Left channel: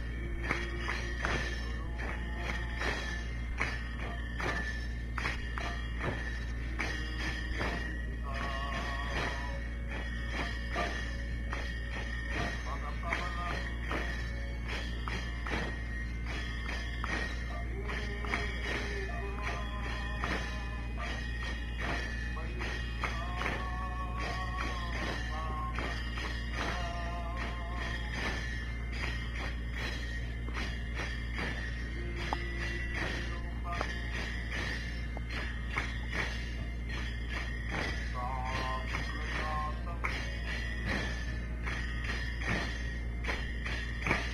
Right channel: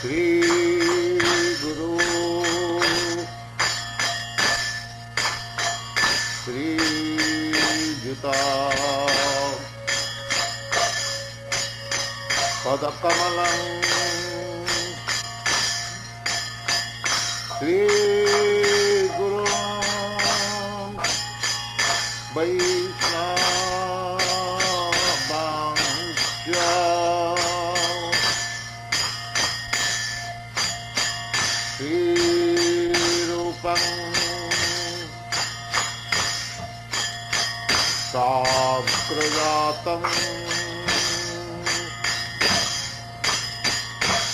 Shri Guru Shri Jita Padakamalam Shri Guru Vaisnava Sakrajatam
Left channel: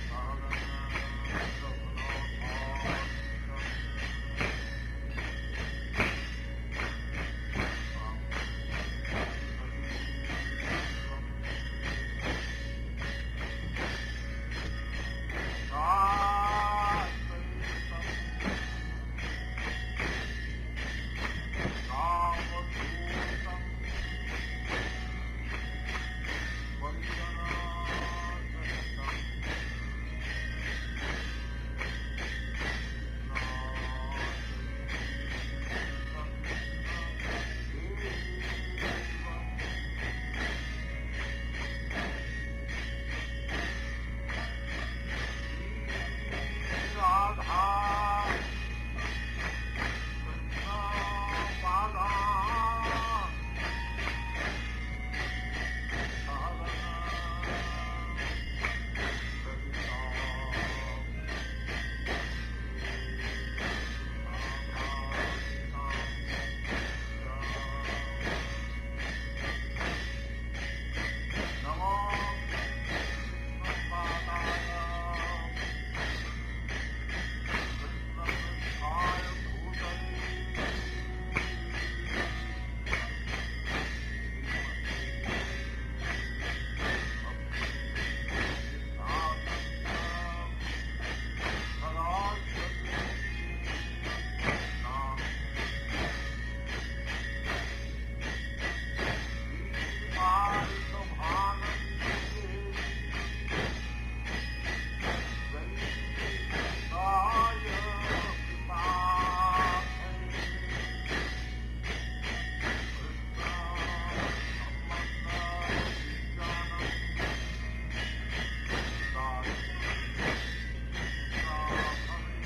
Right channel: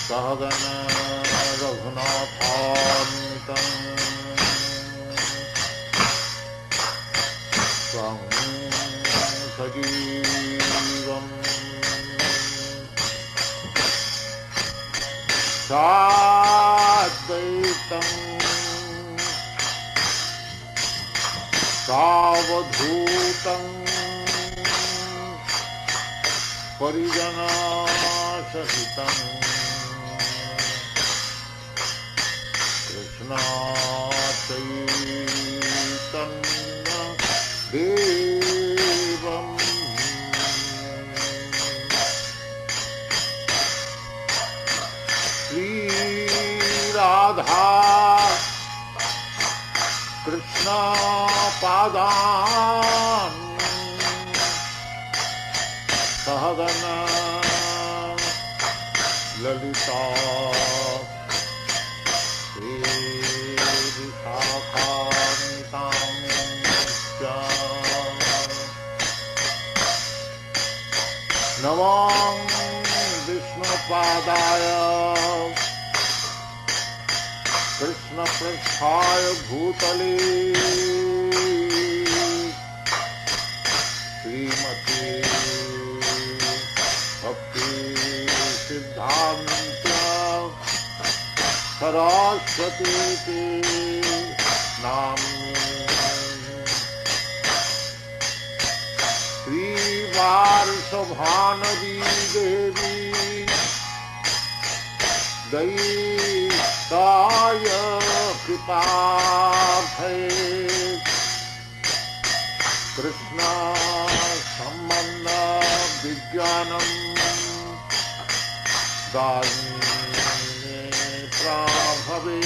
Sahagana Raghunathanvitam Swam Sajivam Sadvaitam Savadhutam Parijana Sahitam Krishna Chaitanya Devam Sri Radha Krishna Padan Sahagana Lalita Sri Vishakanitam Namam Vishnu Padaya Krishna Prasthaya Bhutale Srimati Bhaktivedanta Sarasvati Sri Varshabhanavi Devi Daitaya Kripabhay Krishna Sambandha Vijnanam Dani Prabhave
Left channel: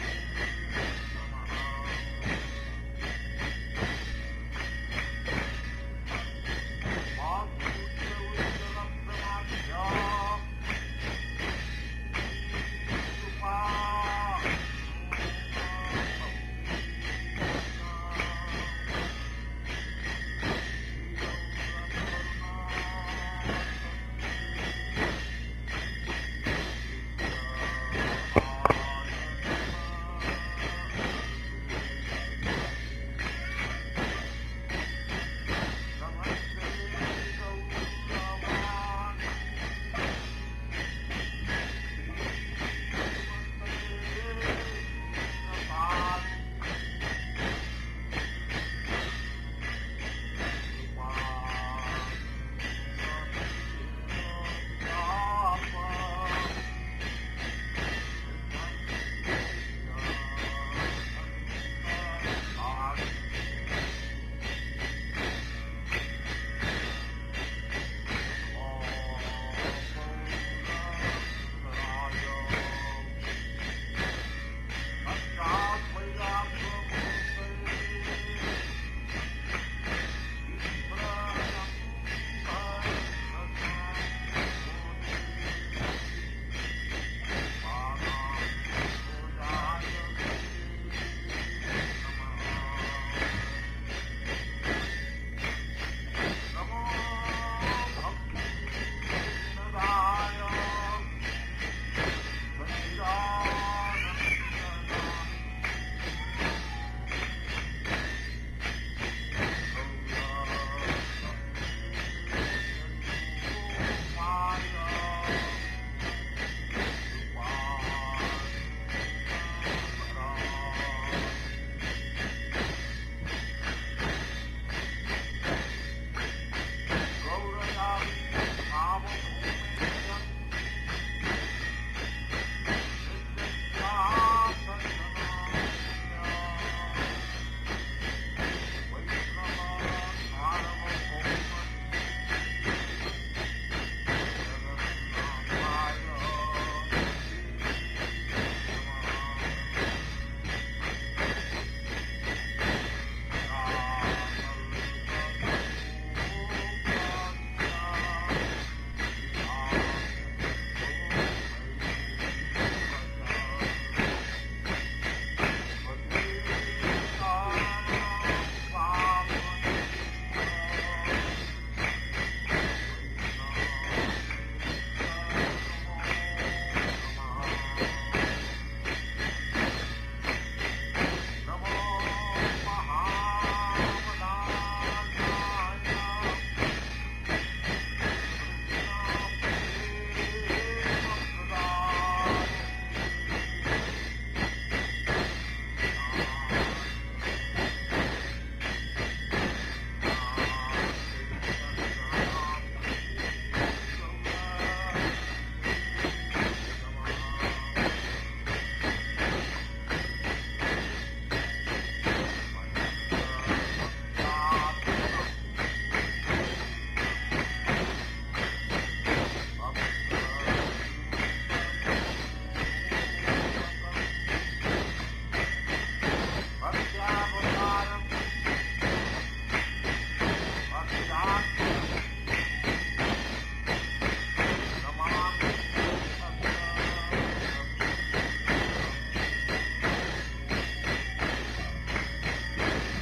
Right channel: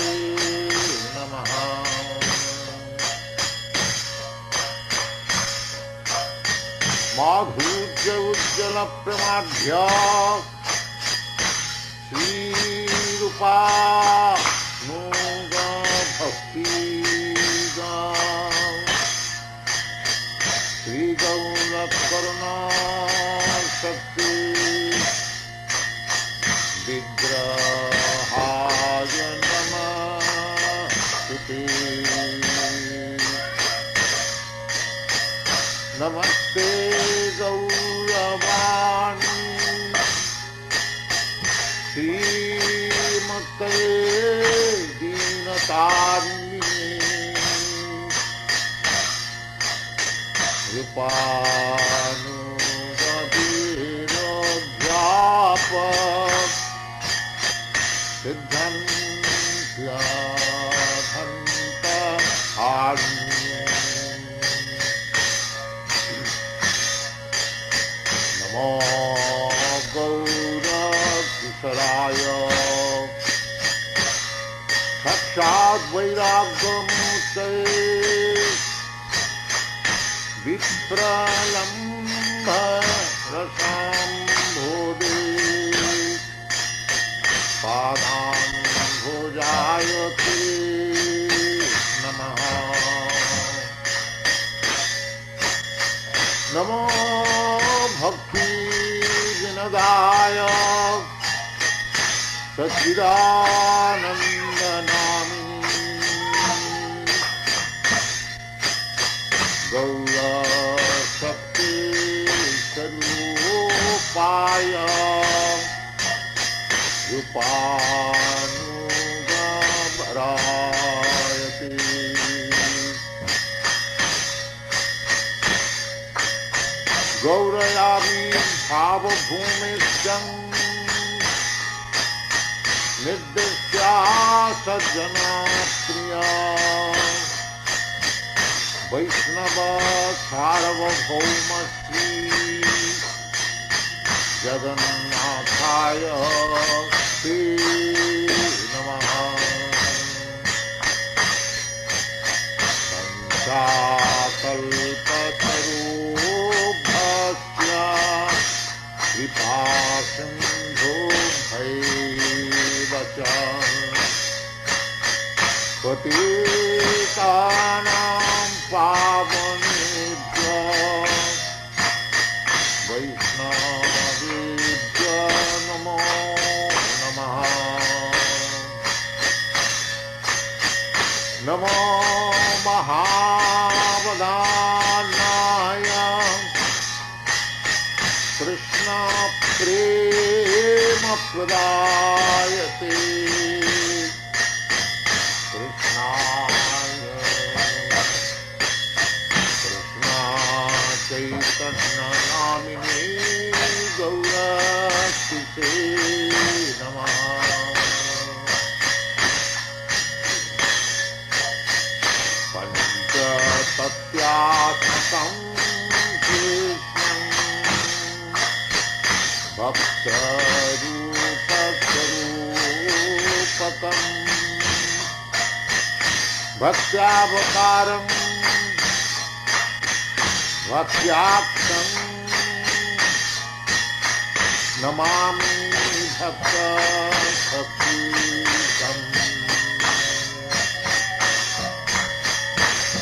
Namaha Madhurya Ujjala Pramadhya Sri Rupa Nuga Bhakti Sri Gaura Karuna Shakti Vigrahaya Namaste Namaste Gauravani Srimate Dinatarni Rupanugabhira Dhyapak Siddhantya Dhanta Arni Namo Gaura Kisaraya Sakshat Vairagya Vipralambha Rasam Bodhi Padam Bhojayati Namaha Namo Bhakti Vinodaya Satchidananda Namini Gaura Shakti Sarupaya Rupanuga Bharayati Gaurayami Bhava Bhumishyam निर्दिश्या सज्जना प्रिया वैष्णव सार्वभौम श्री जगन्नाथाय ते नमः। कल्पतरुभ्यश्च कृपासिन्धुभ्यैव च पतितानां पावनेभ्यो वैष्णवेभ्यो नमो नमः। नमो महावदानाय कृष्ण प्रेम प्रदायते चैतन्यनामिने गौरक्षिते नमः। पञ्चतत्त्वात्मकं कृष्णं भक्तरूपस्वरूपकं भक्त्यावतारं भक्त्याप्तं नमामि भक्तभक्तिदं।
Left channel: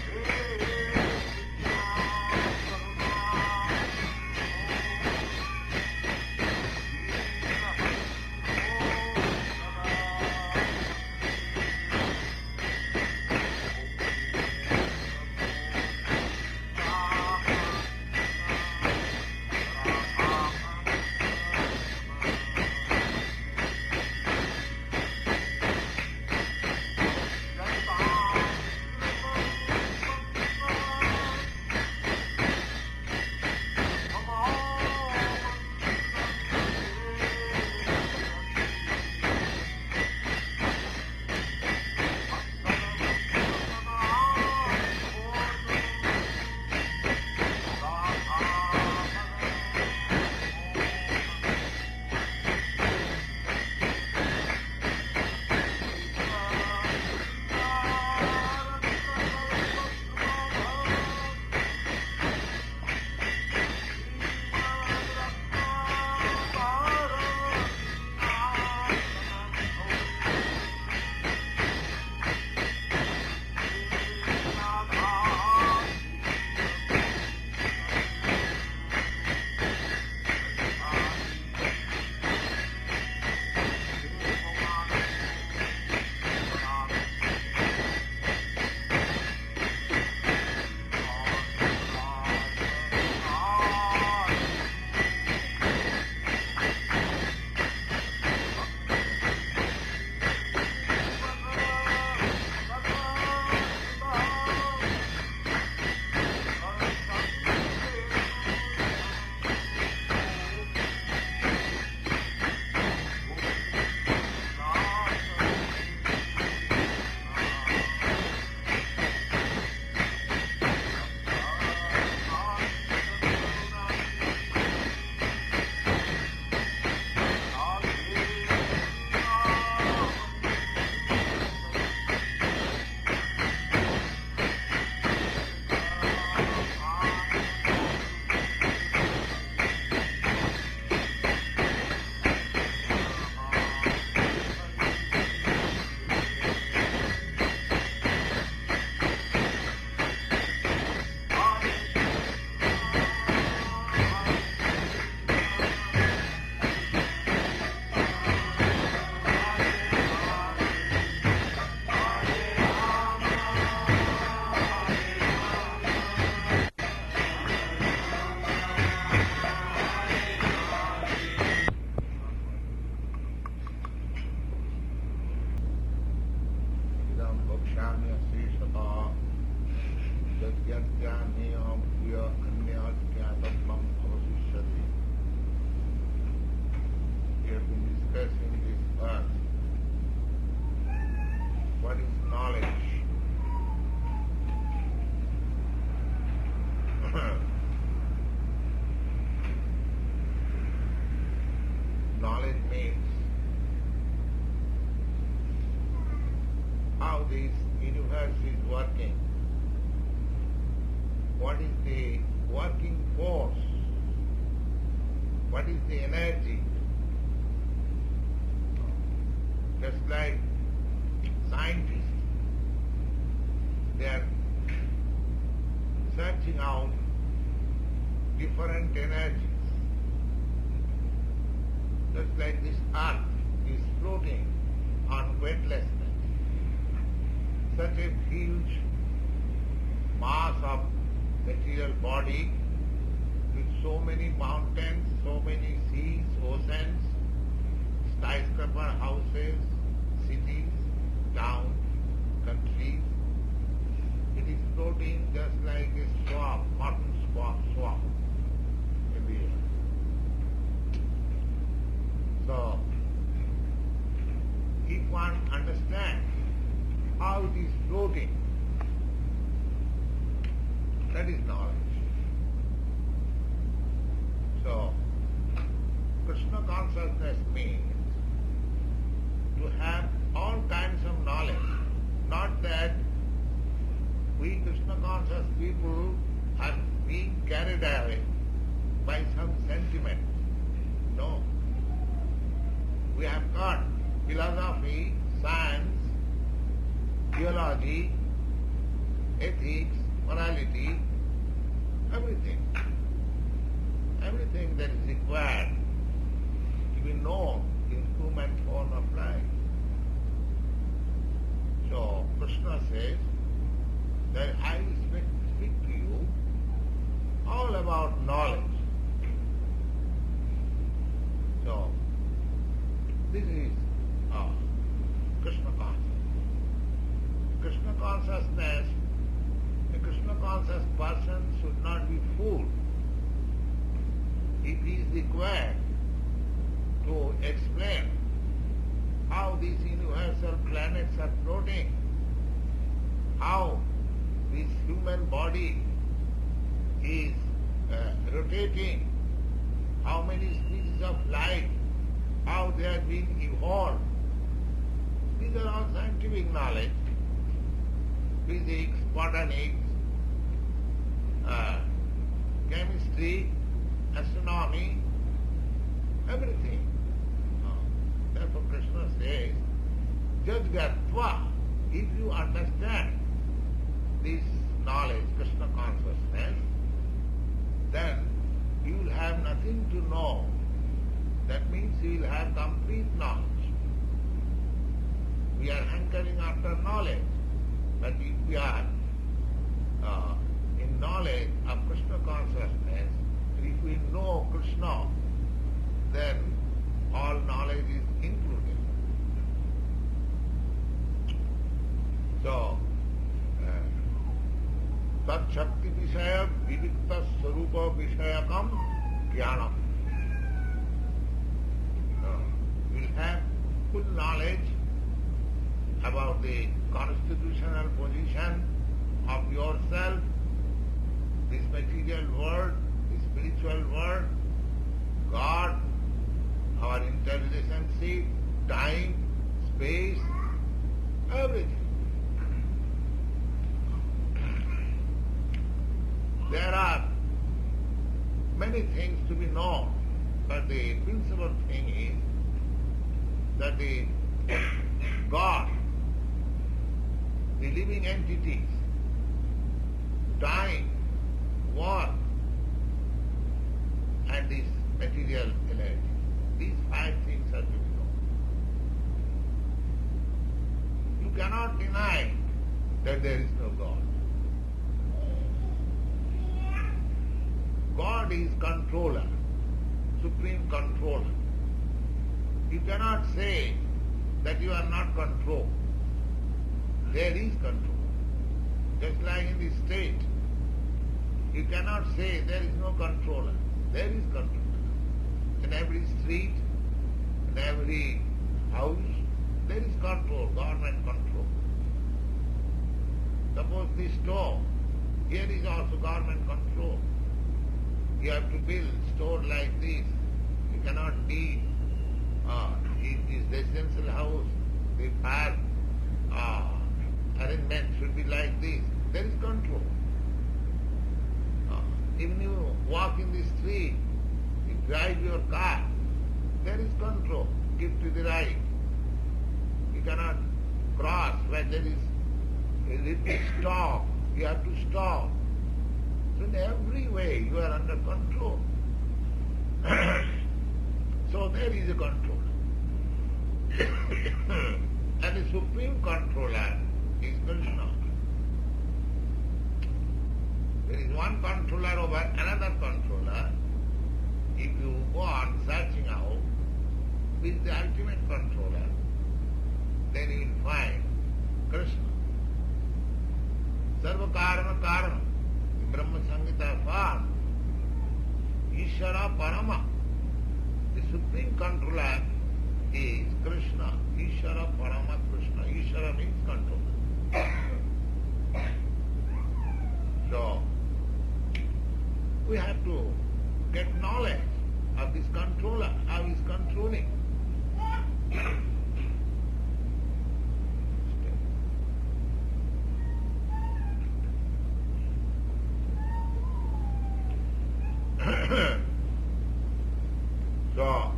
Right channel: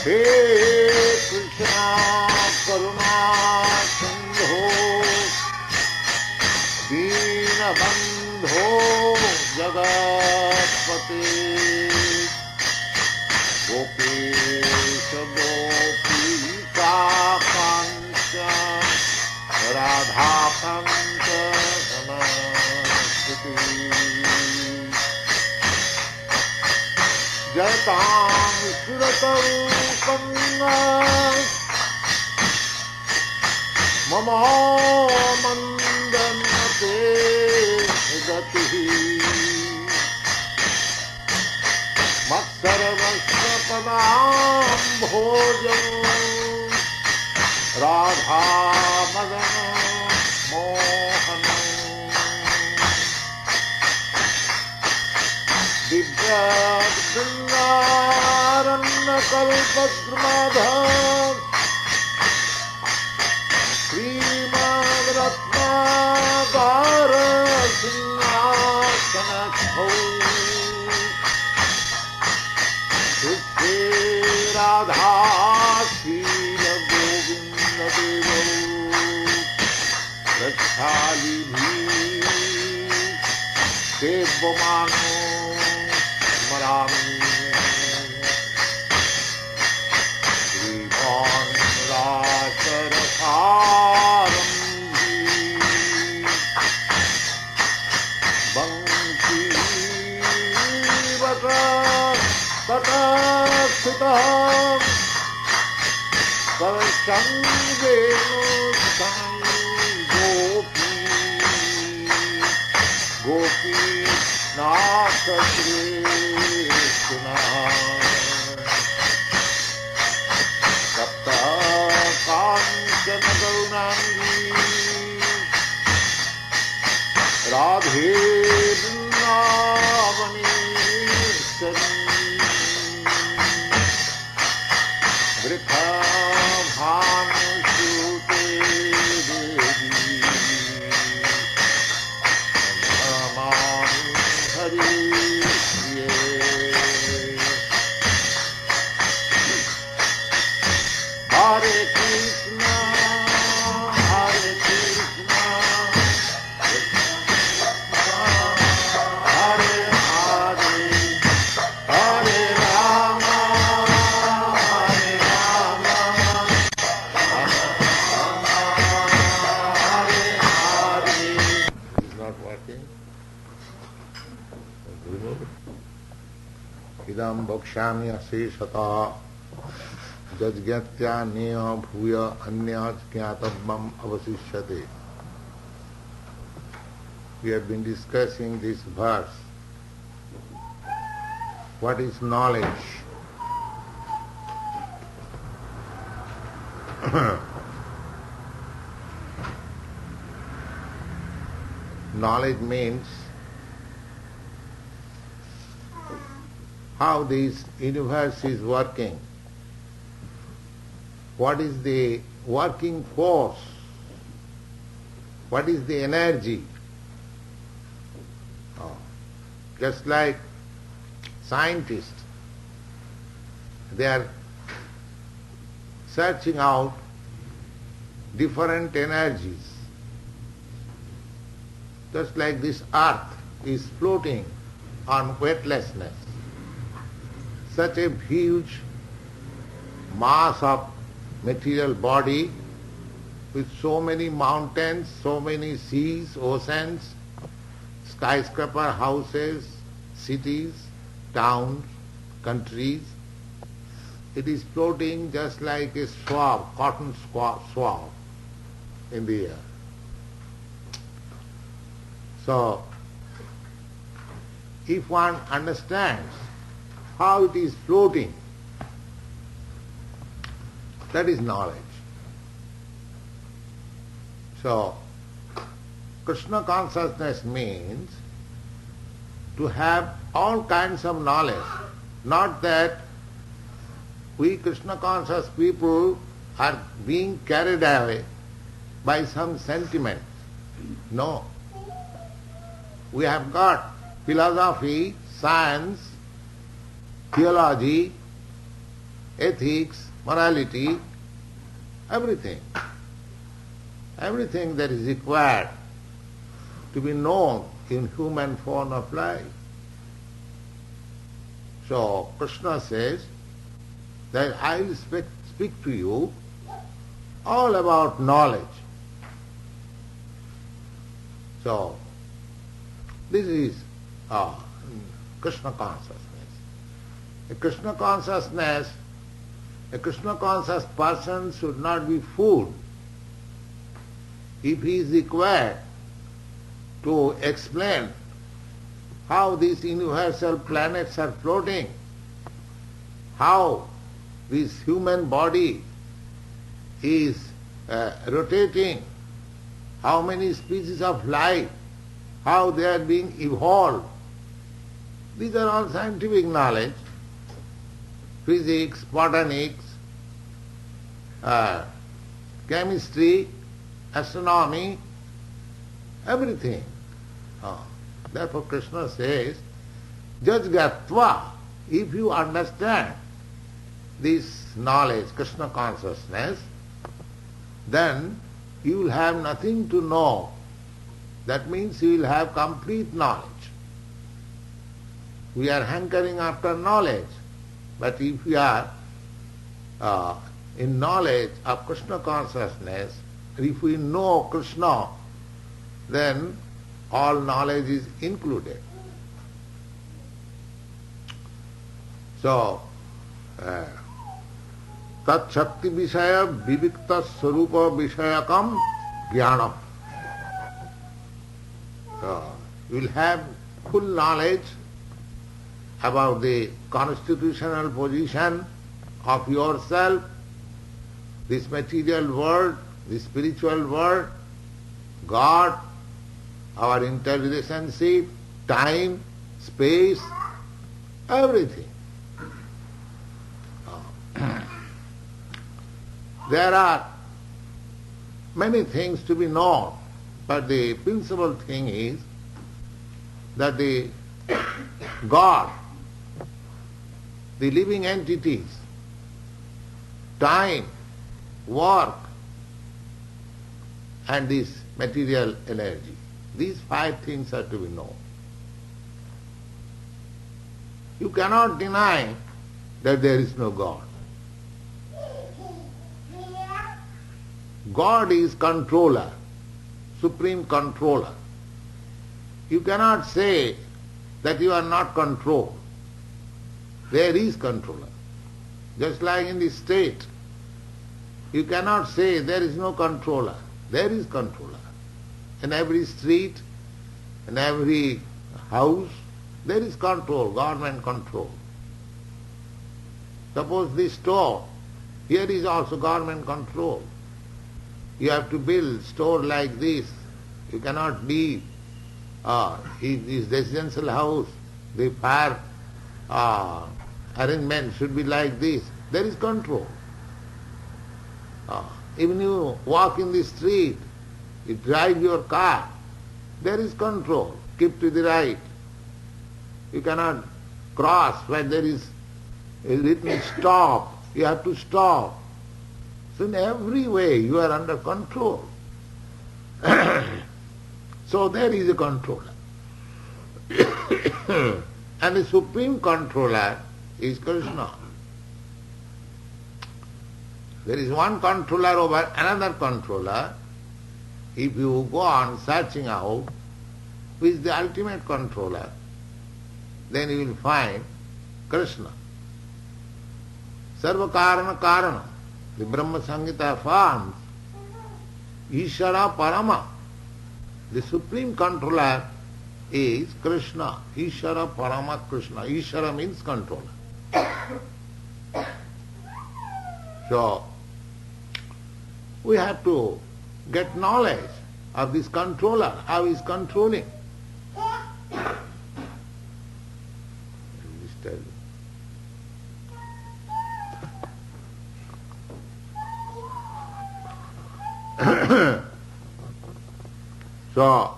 हे कृष्णा करुणा सिन्धो दीनबन्धो जगत्पते गोपेश गोपीकान्त राधाकान्त नमस्ते। जयतां सुरतरूपं मम मन्दन्ते गतिः मत्सर्वस्वपदाम्भोजं राधामदन मोहनं दिव्यबृन्दारण्यकल्पद्रुमः श्रीमद्रत्नाकरसिंहासनस्थौ शुद्धे राधाशीलगोविन्ददेवौ रक्षालिभिः देवमानो स्मरामि। गोपीनाथ कृष्ण सप्तकाञ्चन गौराङ्गी राधे वृन्दावनेश्वरी वृषभानुसुते देवी नमामि हरिये। हरे कृष्ण हरे कृष्ण हरे हरे हरे राम हरे Ram Hare Hare. It's not working. Remove it. Idam bhakshami aseshata jajgyatya bhuya anyat jnatavam avasishyate. We have been discussing this verse what is knowledge? Knowledge means how this universe is working. What is the working force? What is the energy? Just like scientists, they are searching out different energies. Just like this earth is floating on weightlessness. Such a huge mass of material body with so many mountains, so many seas, oceans, skyscraper houses, cities, towns, countries. It is floating just like a swab, cotton swab in the air. So, if one understands how it is floating, that is knowledge. So, Krishna consciousness means to have all kinds of knowledge, not that we Krishna conscious people are being carried away by some sentiments. No. We have got philosophy, science, theology, ethics, morality, everything. Everything that is required to be known in human form of life. So Krishna says that I will speak to you all about knowledge. So this is Krishna consciousness. A Krishna conscious person should not be fooled if he is required to explain how these universal planets are floating, how this human body is rotating, how many species of life, how they are being evolved. These are all scientific knowledge. Physics, botanics, chemistry, astronomy, everything. Therefore Krishna says, Jajgatva, if you understand this knowledge, Krishna consciousness, then you will have nothing to know. That means you will have complete knowledge. We are hankering after knowledge, but if we are in knowledge of Krishna consciousness, if we know Krishna, then all knowledge is included. So, tat shakti vishaya vivikta swarupa vishayakam jnanam. You will have full knowledge about the constitutional position of yourself, this material world, the spiritual world, God, our interrelationship, time, space, everything. There are many things to be known, but the principal thing is that the God, the living entities, time, work, and this material energy, these 5 things are to be known. You cannot deny that there is no God. God is controller, supreme controller. You cannot say that you are not controlled. There is controller. Just like in the state, you cannot say there is no controller. There is controller. In every street, in every house, there is control, government control. Suppose this store, here is also government control. You have to build store like this. You cannot leave. This residential house, the fire arrangement should be like this. There is control. Even you walk in the street, you drive your car, there is control. Keep to the right. You cannot cross where there is a written stop. You have to stop. So in every way you are under control. So there is a controller. And the supreme controller is Krishna. There is one controller over another controller. If you go on searching out who is the ultimate controller, then you will find Krishna. Sarva Karana Karana. The Brahma Samhita affirms Ishara Parama. The supreme controller is Krishna. Ishara Parama Krishna. Ishara means controller. So, we have to get knowledge of this controller, how he is controlling. So,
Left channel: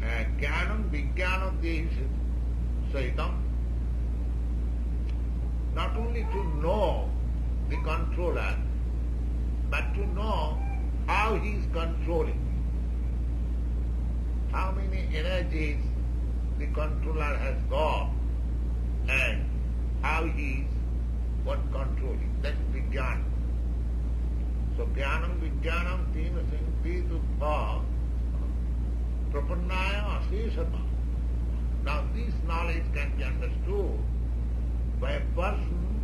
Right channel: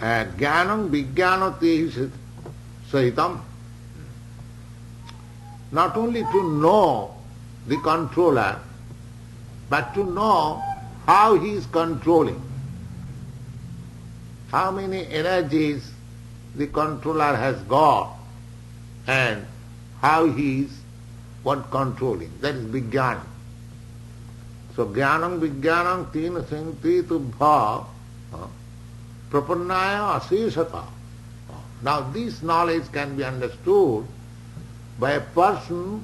Jnanam Vijnanati Sahitam, not only to know the controller, but to know how he is controlling, how many energies the controller has got, and how he is controlling. That is Vijnana. So Jnanam Vijnanam Tina Singti Tubha Prapannaya Asesata. Now this knowledge can be understood by a person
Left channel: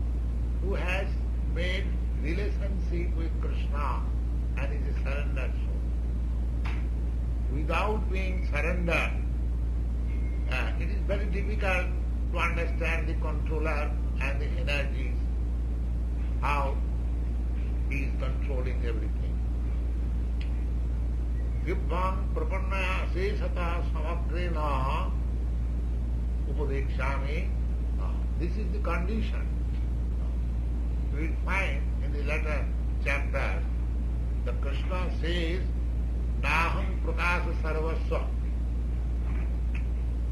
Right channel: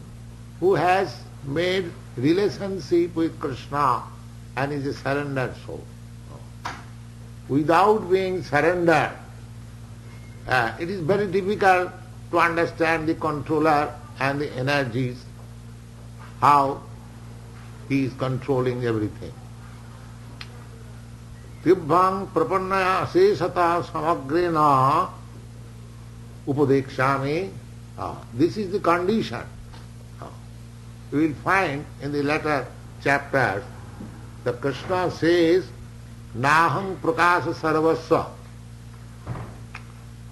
who has made relationship with Krishna and is a surrendered soul. Without being surrendered, it is very difficult to understand the controller and the energies, how he is controlling everything. Tibbhang prapannaya asesata samagrena upadekshami. This is the condition. You will find in the later chapters that Krishna says, Naham prakasa sarvasya.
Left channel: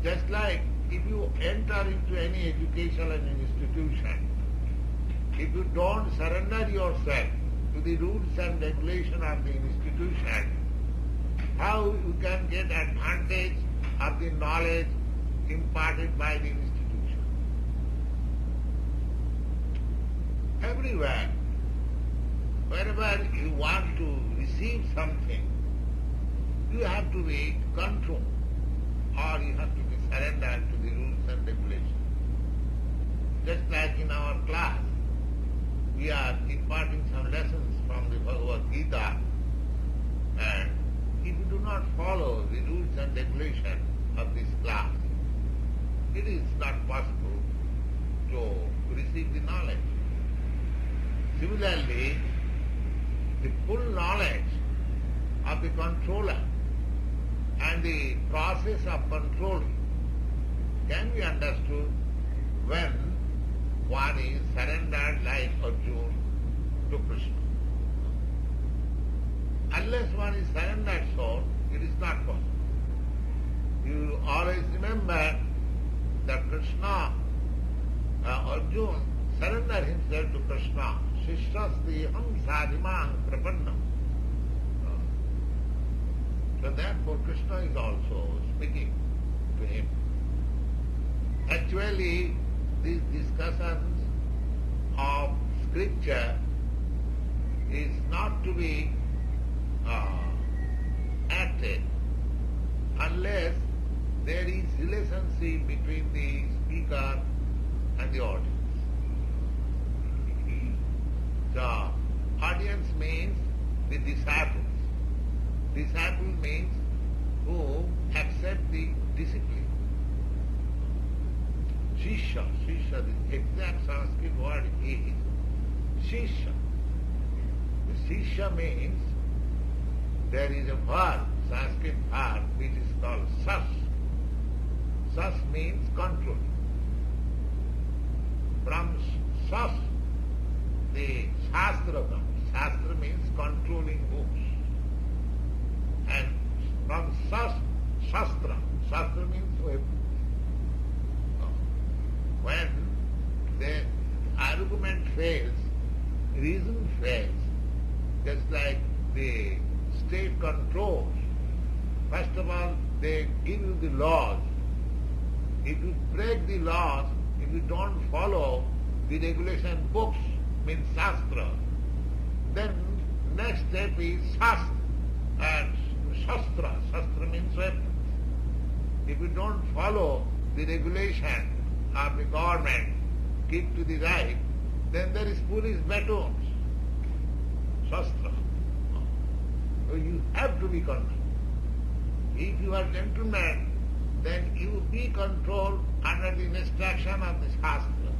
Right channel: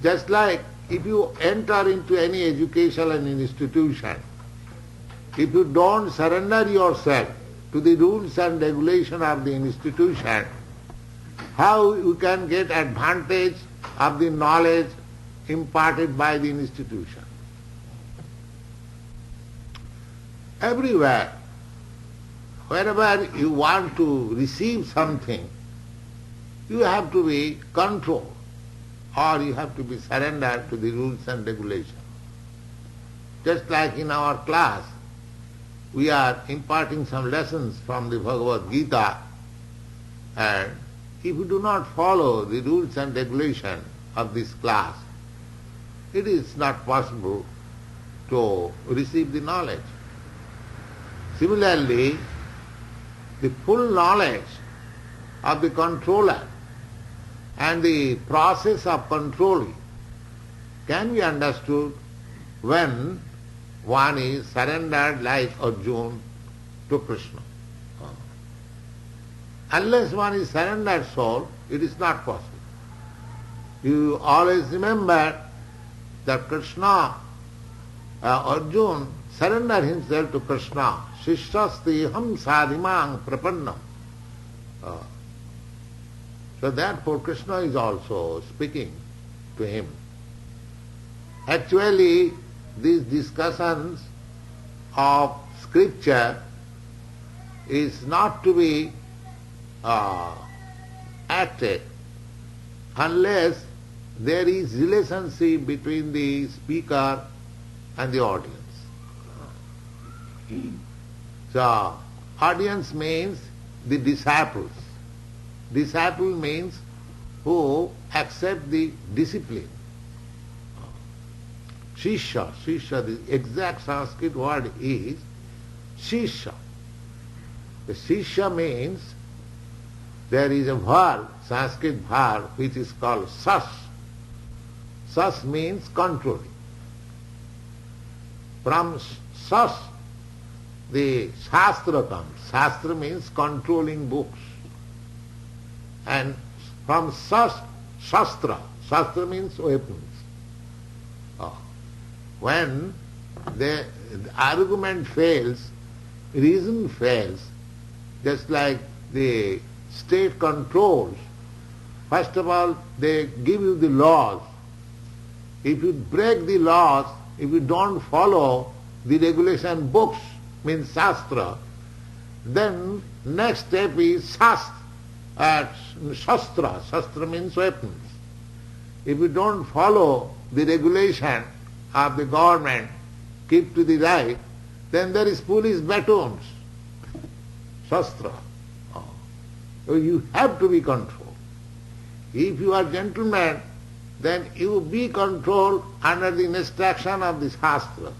Just like if you enter into any educational institution, if you don't surrender yourself to the rules and regulation of the institution, how you can get advantage of the knowledge imparted by the institution? Everywhere, wherever you want to receive something, you have to be controlled, or you have to be surrendered to the rules and regulations. Just like in our class, we are imparting some lessons from the Bhagavad Gita, and if you do not follow the rules and regulations of this class, it is not possible to receive the knowledge. Similarly, the full knowledge of the controller and the process of controlling can be understood when one is surrendered like Arjuna to Krishna. Unless one is surrendered soul, it is not possible. You always remember that Krishna, Arjuna surrendered himself to Krishna. Shishastiham sadhimang prapannam. So therefore Krishna is also speaking to him. Actually, these discussions of scripture is not to be acted unless there is relationship between the speaker and the audience. So, audience means the disciples. Disciple means who accept the discipline. Shishya, the exact Sanskrit word is Shishya. The Shishya means there is a verb, Sanskrit verb, which is called sas. Sas means controlling. From sas, the shastra comes. Shastra means controlling books. And from sas, shastra. Shastra means weapons. When the argument fails, reason fails, just like the state controls, first of all they give you the laws. If you break the laws, if you don't follow the regulation books, means shastra, then next step is shastra. Shastra means weapons. If you don't follow the regulation of the government, keep to the right, then there is police batons. Shastra. So you have to be controlled. If you are gentleman, then you be controlled under the instruction of the Shastra.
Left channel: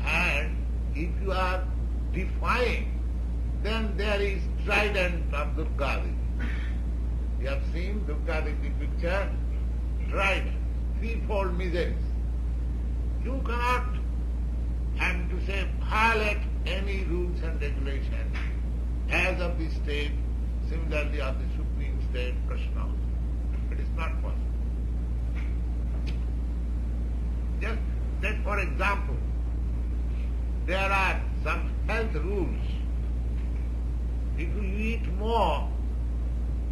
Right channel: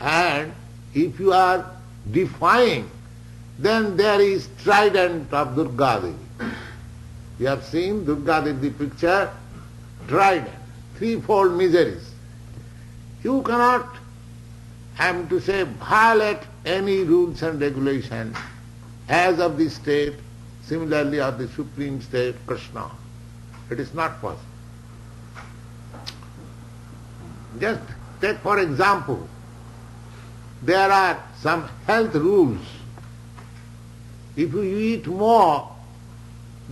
And if you are defying, then there is trident of Durga Devi. You have seen Durga Devi, the picture, trident, threefold miseries. You cannot, I am to say, violate any rules and regulations as of the state, similarly of the supreme state, Krishna. It is not possible. Just take for example, there are some health rules. If you eat more,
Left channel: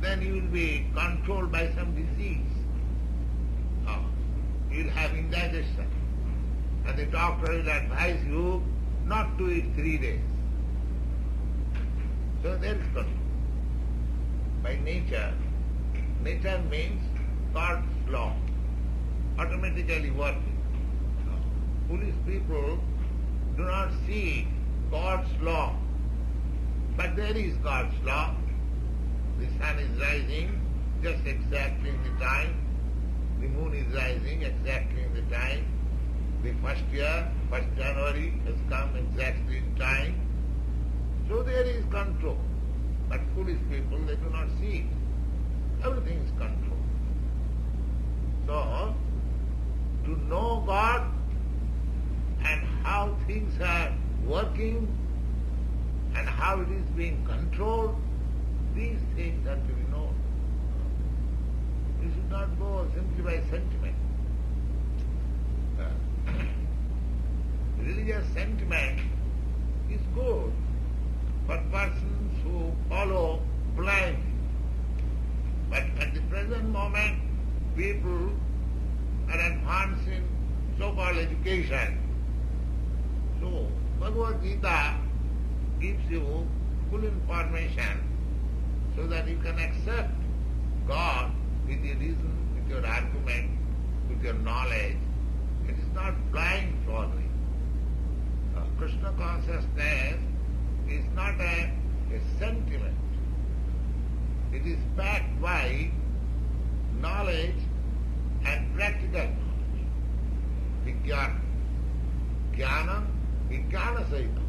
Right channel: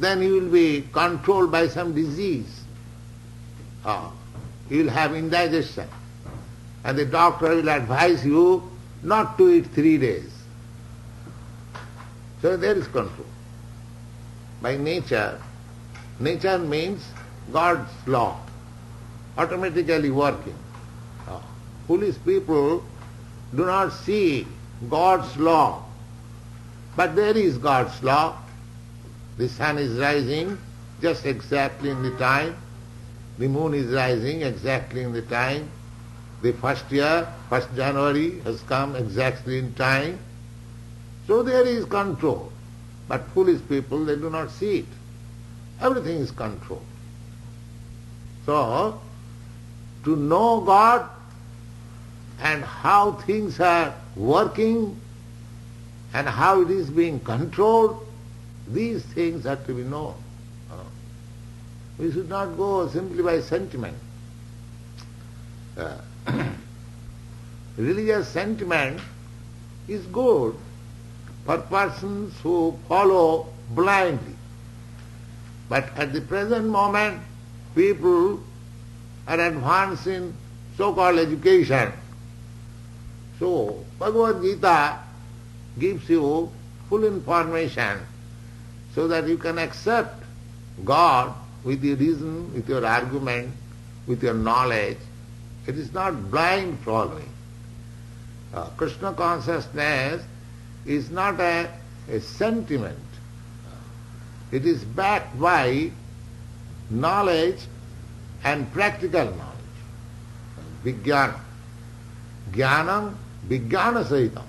then you will be controlled by some disease. You will have indigestion. And the doctor will advise you not to eat 3 days. So there is control. By nature, nature means God's law, automatically working. Foolish people do not see God's law, but there is God's law. The sun is rising just exactly in the time. The moon is rising exactly in the time. The first year, 1st January has come exactly in time. So there is control. But foolish people, they do not see it. Everything is controlled. So, to know God and how things are working and how it is being controlled, these things have to be known. We should not go simply by sentiment. Religious sentiment is good for persons who follow blindly. But at the present moment, people are advanced in so-called education. So, Bhagavad Gita gives you full information so that you can accept God with your reason, with your argument, with your knowledge. It is not blind following. Krishna consciousness is not a sentiment. It is backed by knowledge and practical knowledge. Vijnana. Jnanam, vijnana sahitam.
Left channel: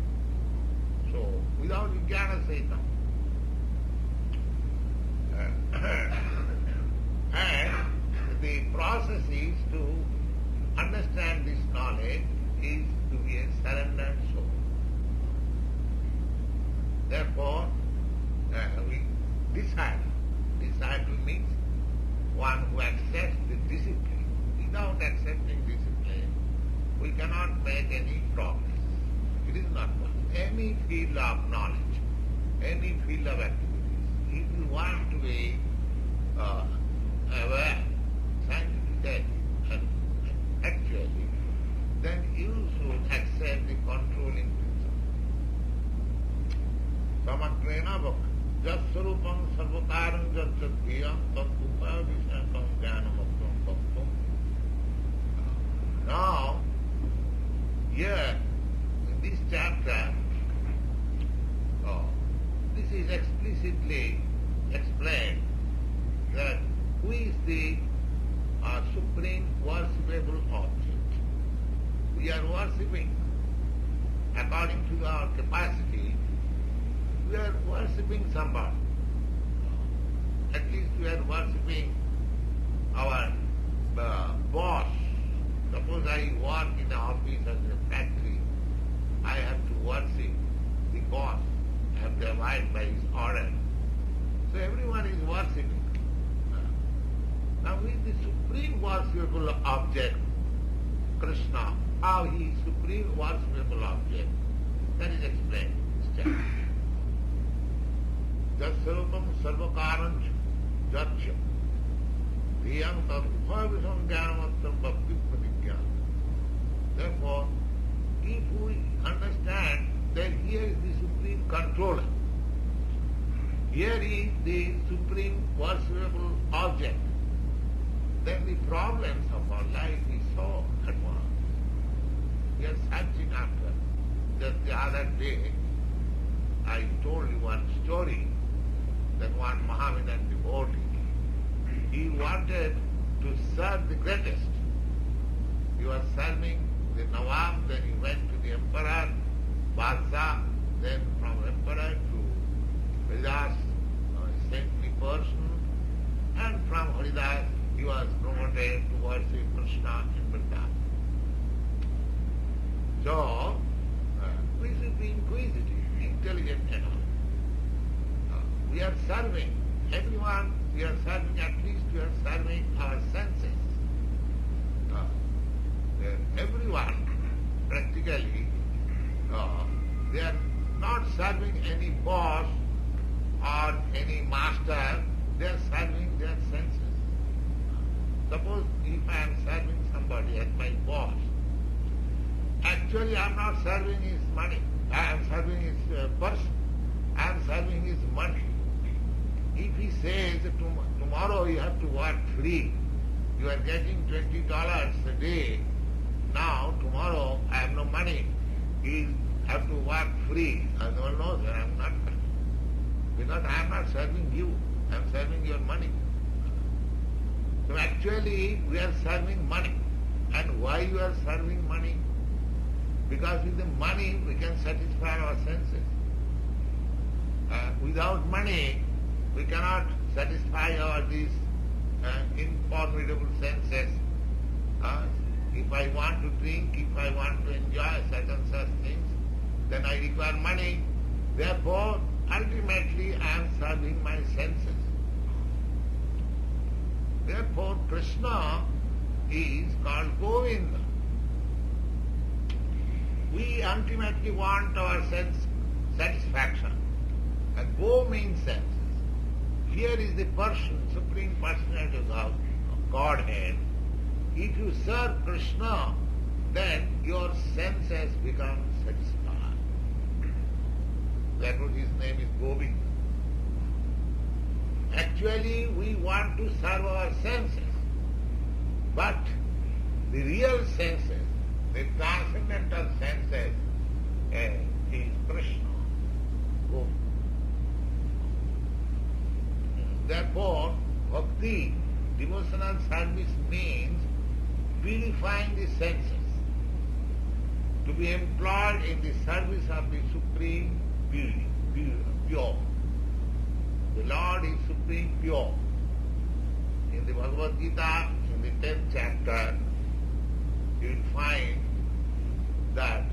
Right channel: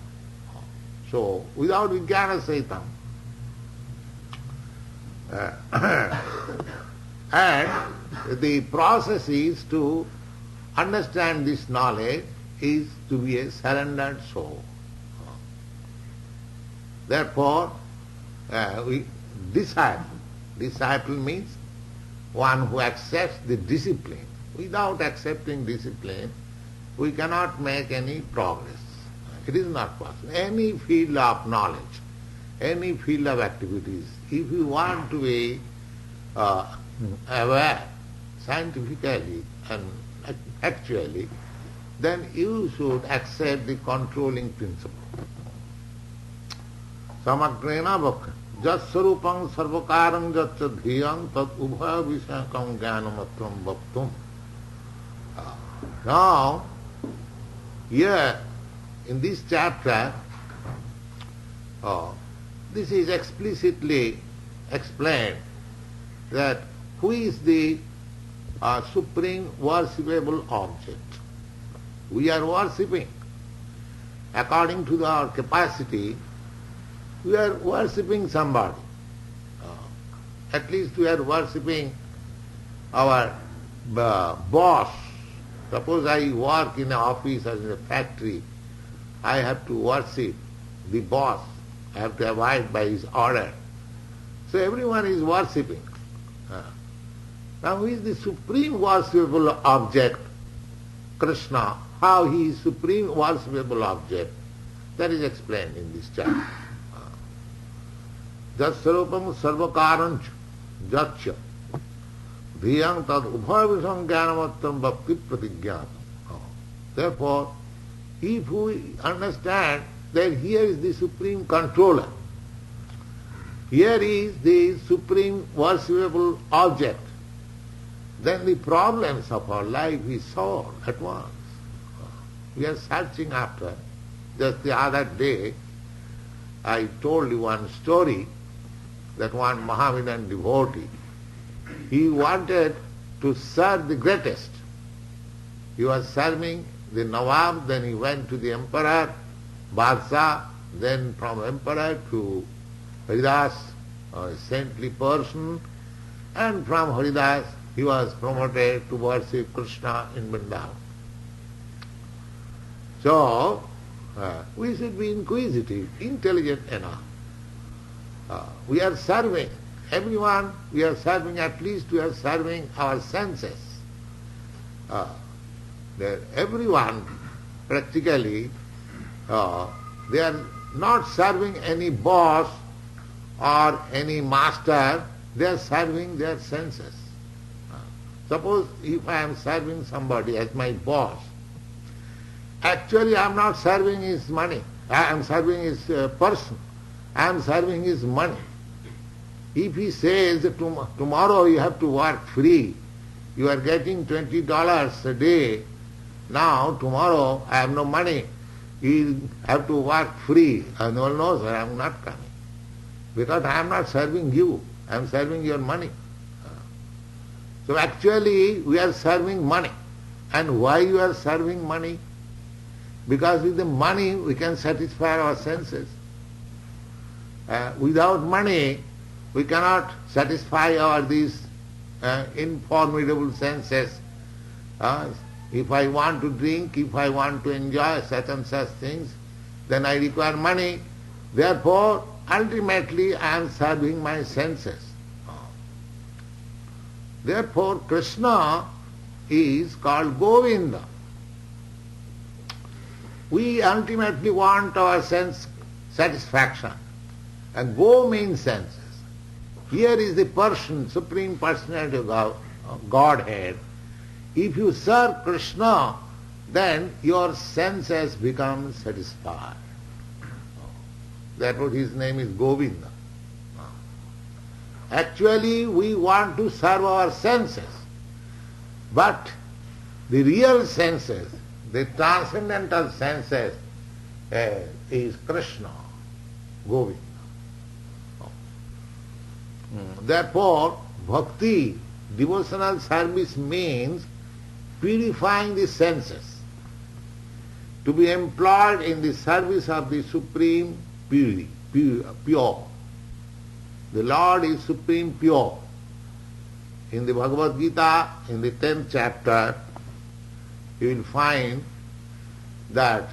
So, without vijnana sahitam, and the process is to understand this knowledge is to be a surrendered soul. Therefore, disciple means one who accepts the discipline. Without accepting discipline, we cannot make any progress. It is not possible. Any field of knowledge, any field of activities, if you want to be aware scientifically and actually, then you should accept the controlling principle. Samagrena bhakti jatsarupam sarvakaram jatsadhiyam tat ubha visakam jnanamatvam bhaktum. Now, here in this chapter, this is explicitly explained that who is the supreme worshipable object. We are worshipping. According to our capacity, we are worshipping somebody. At least we are worshipping our boss. Suppose I work in an office or in a factory, I have to worship the boss. I have to abide by his order. So everyone is worshipping. Now who is the supreme worshipable object? Krishna. How he is supreme worshipable object? That is explained in this chapter. Jatsarupam sarvakaranch jatcha dhyang tad uphavisam jnanamattam bhakti pratigyan. Therefore, if we understand that here is the supreme controller, here is the supreme worshipable object, then the problems of our life is solved at once. We are searching after. Just the other day, I told you one story that one Mohammedan devotee, he wanted to serve the greatest. He was serving the Nawab, then he went to the emperor, Badshah, then from emperor to Haridas, a saintly person, and from Haridas he was promoted to worship Krishna in Vrndavana. So, we should be inquisitive, intelligent enough. We are serving everyone, we are serving, at least we are serving our senses. Everyone practically, they are not serving any boss or any master, they are serving their senses. Suppose if I am serving somebody as my boss, actually I am not serving his money, I am serving his person, I am serving his money. If he says tomorrow you have to work free, you are getting $20 a day, now tomorrow I have no money, you have to work free. No, sir, I am not coming. Because I am not serving you, I am serving your money. So actually we are serving money. And why you are serving money? Because with the money we can satisfy our senses. Without money we cannot satisfy these informidable senses. If I want to drink, if I want to enjoy such and such things, then I require money. Therefore, ultimately I am serving my senses. Therefore, Krishna is called Govinda. We ultimately want our sense satisfaction. And Go means senses. Here is the person, Supreme Personality of Godhead. If you serve Krishna, then your senses become satisfied. Therefore his name is Govinda. Actually we want to serve our senses, but the real senses, the transcendental senses, is Krishna, Govinda. Therefore, bhakti, devotional service means purifying the senses, to be employed in the service of the supreme purity, pure. The Lord is supreme pure. In the Bhagavad Gita, in the 10th chapter, you will find that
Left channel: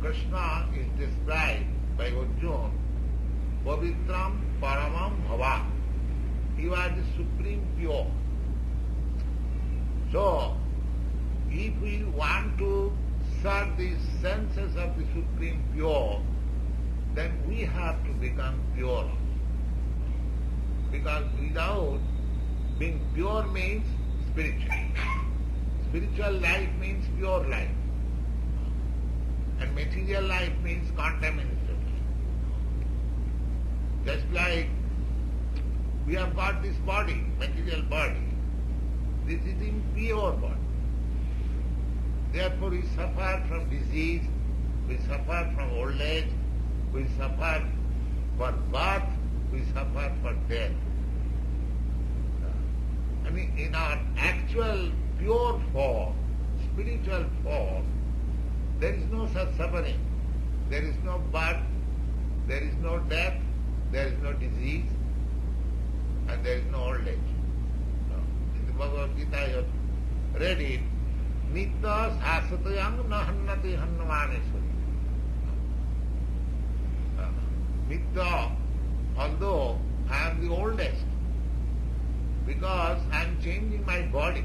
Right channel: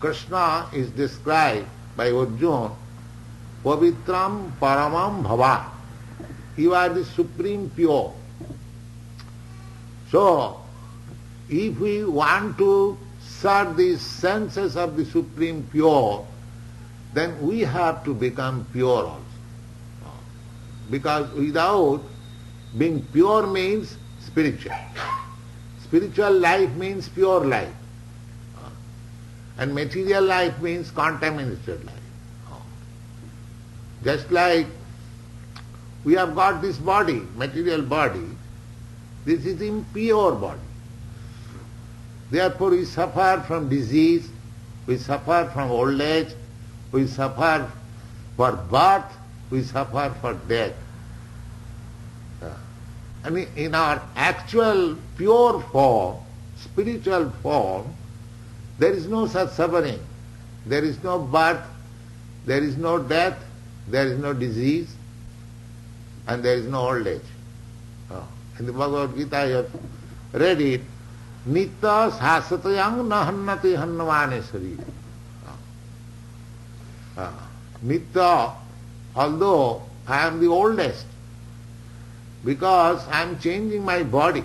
Krishna is described by Arjuna, Pavitram Paramam Bhava. You are the supreme pure. So, if we want to serve the senses of the supreme pure, then we have to become pure also. Because without being pure means spiritual. Spiritual life means pure life. And material life means contaminated life. Just like we have got this body, material body, this is impure body. Therefore we suffer from disease, we suffer from old age, we suffer for birth, we suffer for death. And in our actual pure form, spiritual form, there is no such suffering. There is no birth, there is no death, there is no disease, and there is no old age. In the Bhagavad Gita you have read it, Nitya sasatayang nahannati hannavane sariri. Nitya, although I am the oldest, because I am changing my body,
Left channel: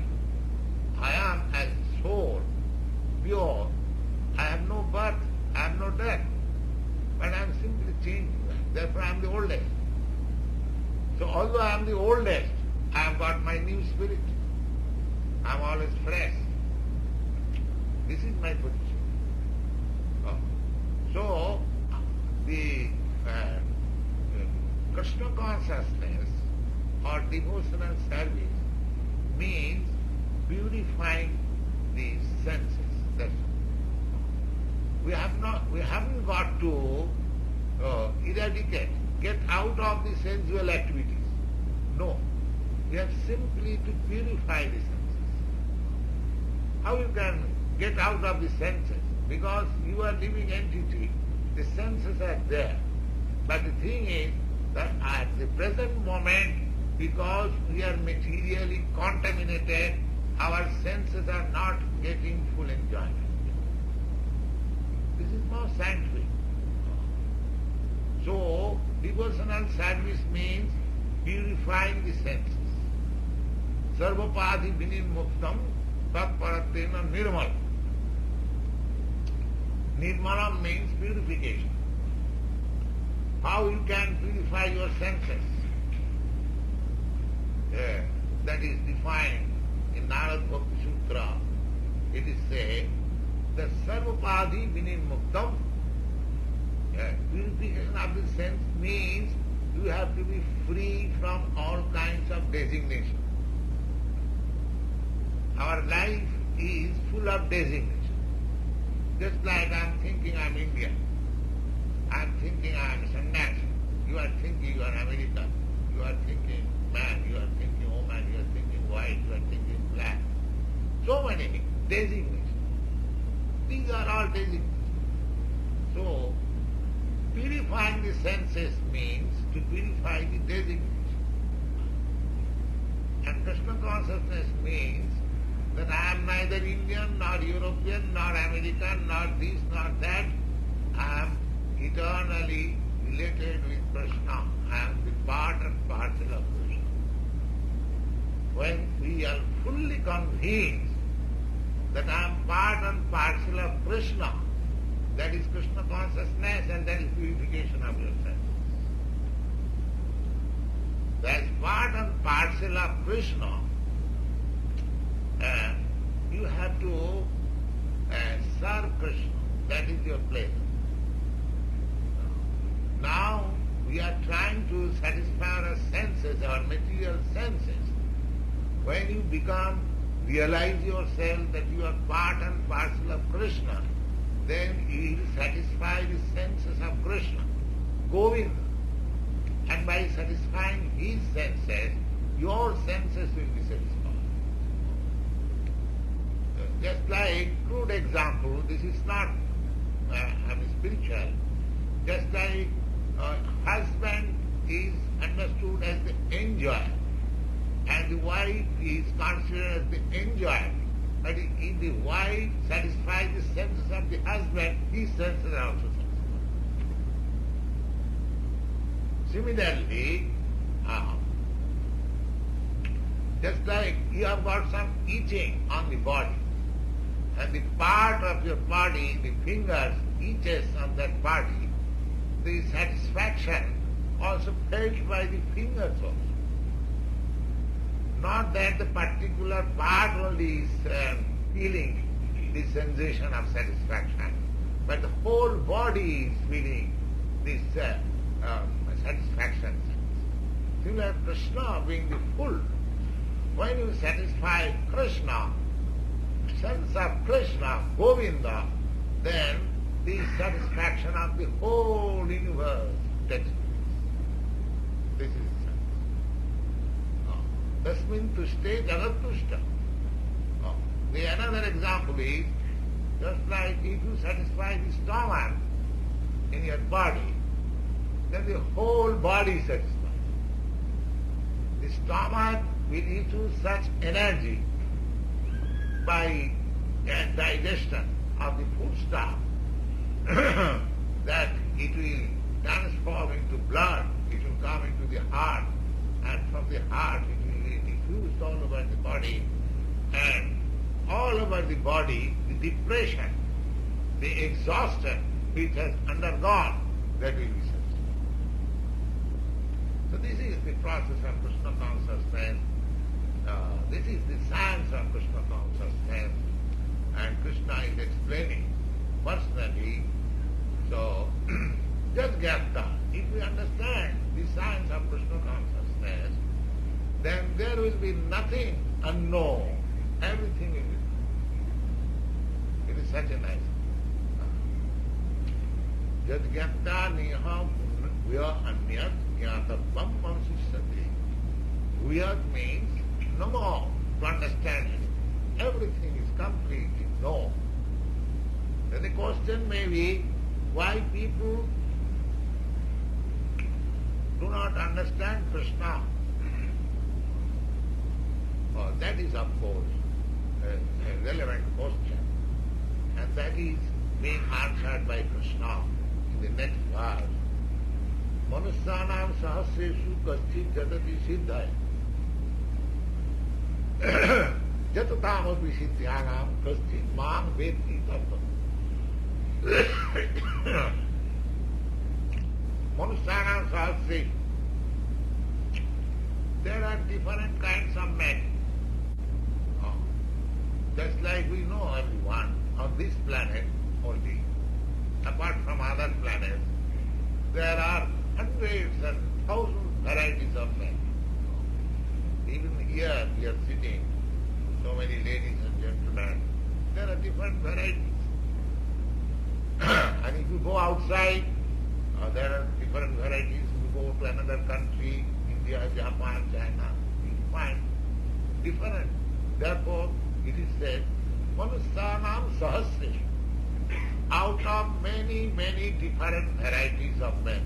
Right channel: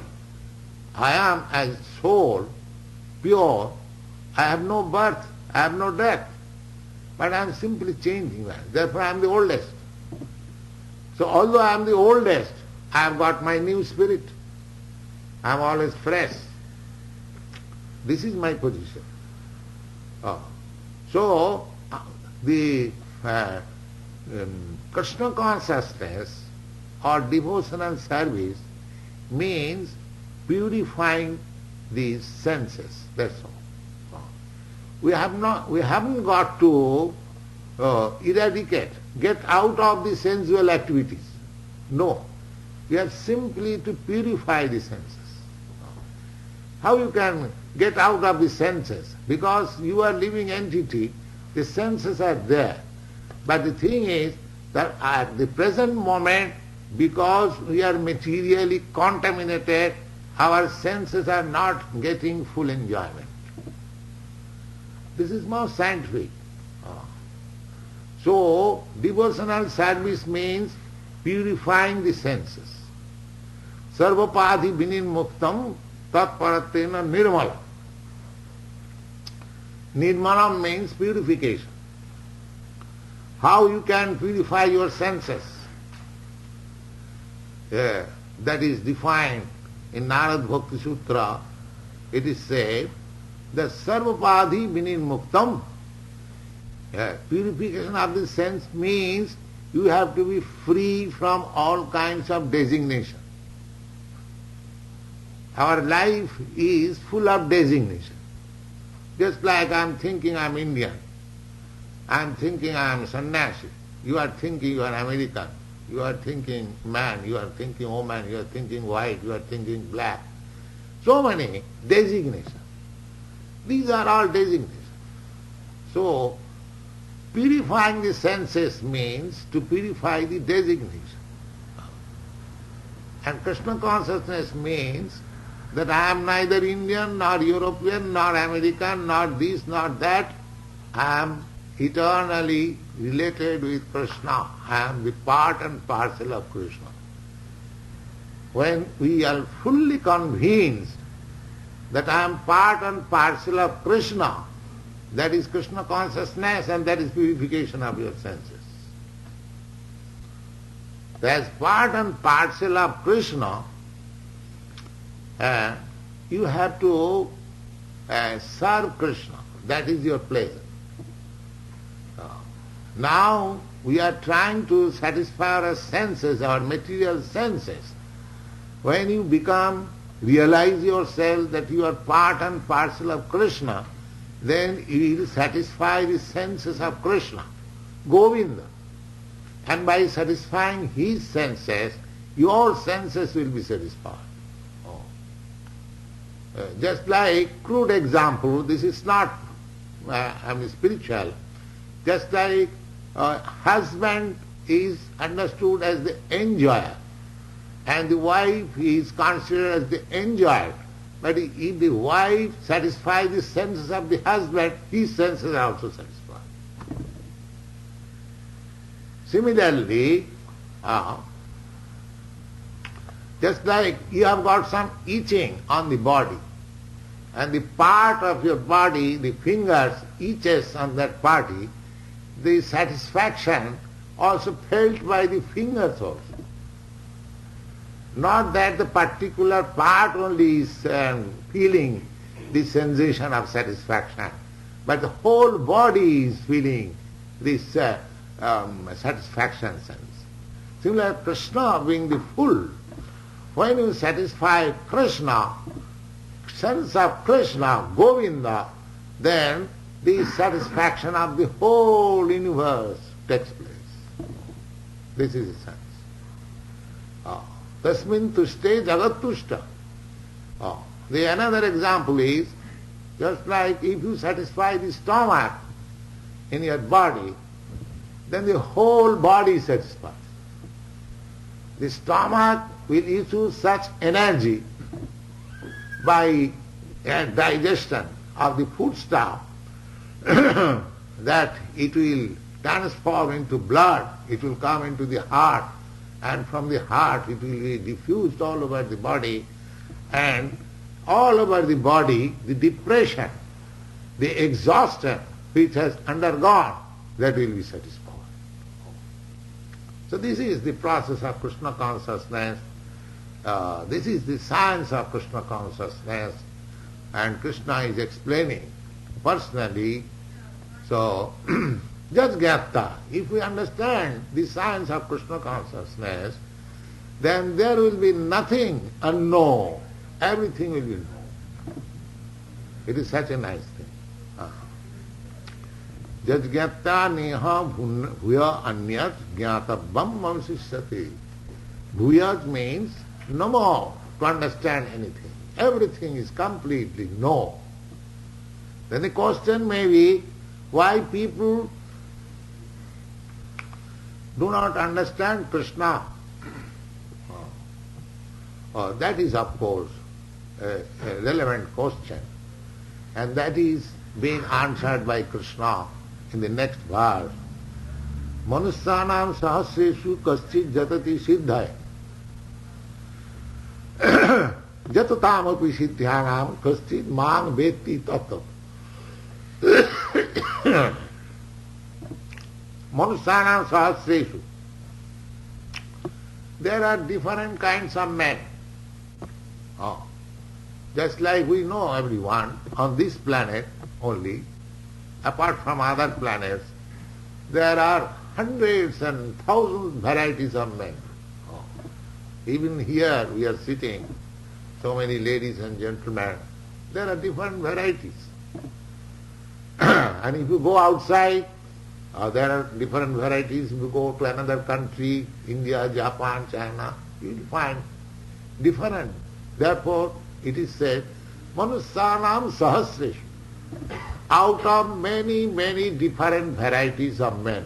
I am as soul, pure, I have no birth, I have no death, but I am simply changing that. Therefore I am the oldest. So although I am the oldest, I have got my new spirit. I am always fresh. This is my position. So the Krishna consciousness or devotional service means purifying these senses. That's all. We haven't got to eradicate, get out of the sensual activities. No. We have simply to purify the senses. How you can get out of the senses? Because you are living entity, the senses are there. But the thing is that at the present moment, because we are materially contaminated, our senses are not getting full enjoyment. This is more scientific. So, devotional service means purifying the senses. Sarvapadhi vinimuktam tatparatena nirmala. Nirmala means purification. How you can purify your senses? That is defined in Narad Bhakti Sutra. It is said that Sarvapadhi vinimuktam. Purification of the sense means you have to be free from all kinds of designation. Our life is full of designation. Just like I am thinking I am Indian, I am thinking I am sannyasi, you are thinking you are American, you are thinking man, you are thinking woman, you are thinking white, you are thinking black. So many designations. These are all designations. So, purifying the senses means to purify the designation. And Krishna consciousness means that I am neither Indian, nor European, nor American, nor this, nor that. I am eternally related with Krishna. I am the part and parcel of Krishna. When we are fully convinced that I am part and parcel of Krishna, that is Krishna consciousness and that is purification of your senses. As part and parcel of Krishna, you have to serve Krishna. That is your place. Now we are trying to satisfy our senses, our material senses. When you realize yourself that you are part and parcel of Krishna, then you will satisfy the senses of Krishna, Govinda. And by satisfying his senses, your senses will be satisfied. Just like crude example, this is not spiritual. Just like husband is understood as the enjoyer, and the wife is considered as the enjoyer. But if the wife satisfies the senses of the husband, his senses are also satisfied. Similarly, just like you have got some itching on the body, and the part of your body, the fingers, itches on that body, the satisfaction also felt by the fingers also. Not that the particular part only is feeling the sensation of satisfaction, but the whole body is feeling this satisfaction sense. Similarly, Krishna being the full, when you satisfy Krishna, sense of Krishna, Govinda, then the satisfaction of the whole universe takes place. This is the sense. Tasmin tushte jagat tushta. The another example is, just like if you satisfy the stomach in your body, then the whole body satisfies. The stomach will issue such energy by digestion of the foodstuff that it will transform into blood, it will come into the heart, and from the heart it will be diffused all over the body, and all over the body the depression, the exhaustion which has undergone, that will be satisfied. So this is the process of Krishna consciousness. This is the science of Krishna consciousness, and Krishna is explaining personally. So, just gītā. If we understand the science of Krishna consciousness, then there will be nothing unknown. Everything will be known. It is such a nice thing. Just gītā neha bhuya anyat gyātabam mamsishyati. Bhuyat means no more to understand anything. Everything is completely known. Then the question may be, why people do not understand Krishna? That is, of course, a relevant question. And that is being answered by Krishna in the next verse. Manusyanam sahasreshu kaschid jatati siddhaya. Jatutamapi siddhyanam kaschid mang vetti tattva. Manusyanam sahasreshu. There are different kinds of men. Just like we know everyone on this planet only, apart from other planets, there are hundreds and thousands varieties of men. Even here we are sitting, so many ladies and gentlemen, there are different varieties. And if you go outside, there are different varieties. If you go to another country, India, Japan, China, you will find different. Therefore, it is said, Manusyanam sahasreshu. Out of many, many different varieties of men,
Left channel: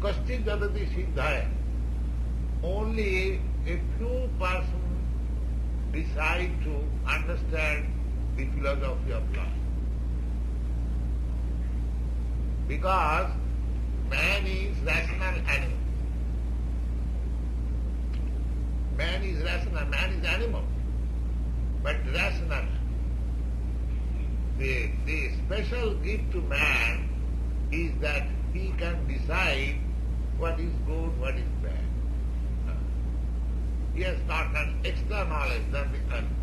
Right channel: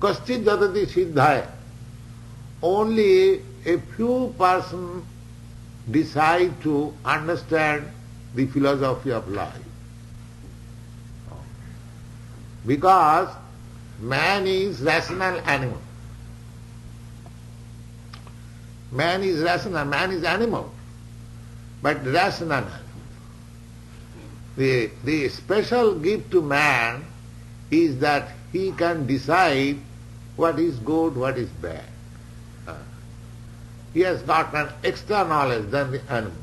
kaschid jatati siddhaya. Only a few persons decide to understand the philosophy of life. Because man is rational animal. Man is rational, man is animal, but rational. The special gift to man is that he can decide what is good, what is bad. He has got an extra knowledge than the animals.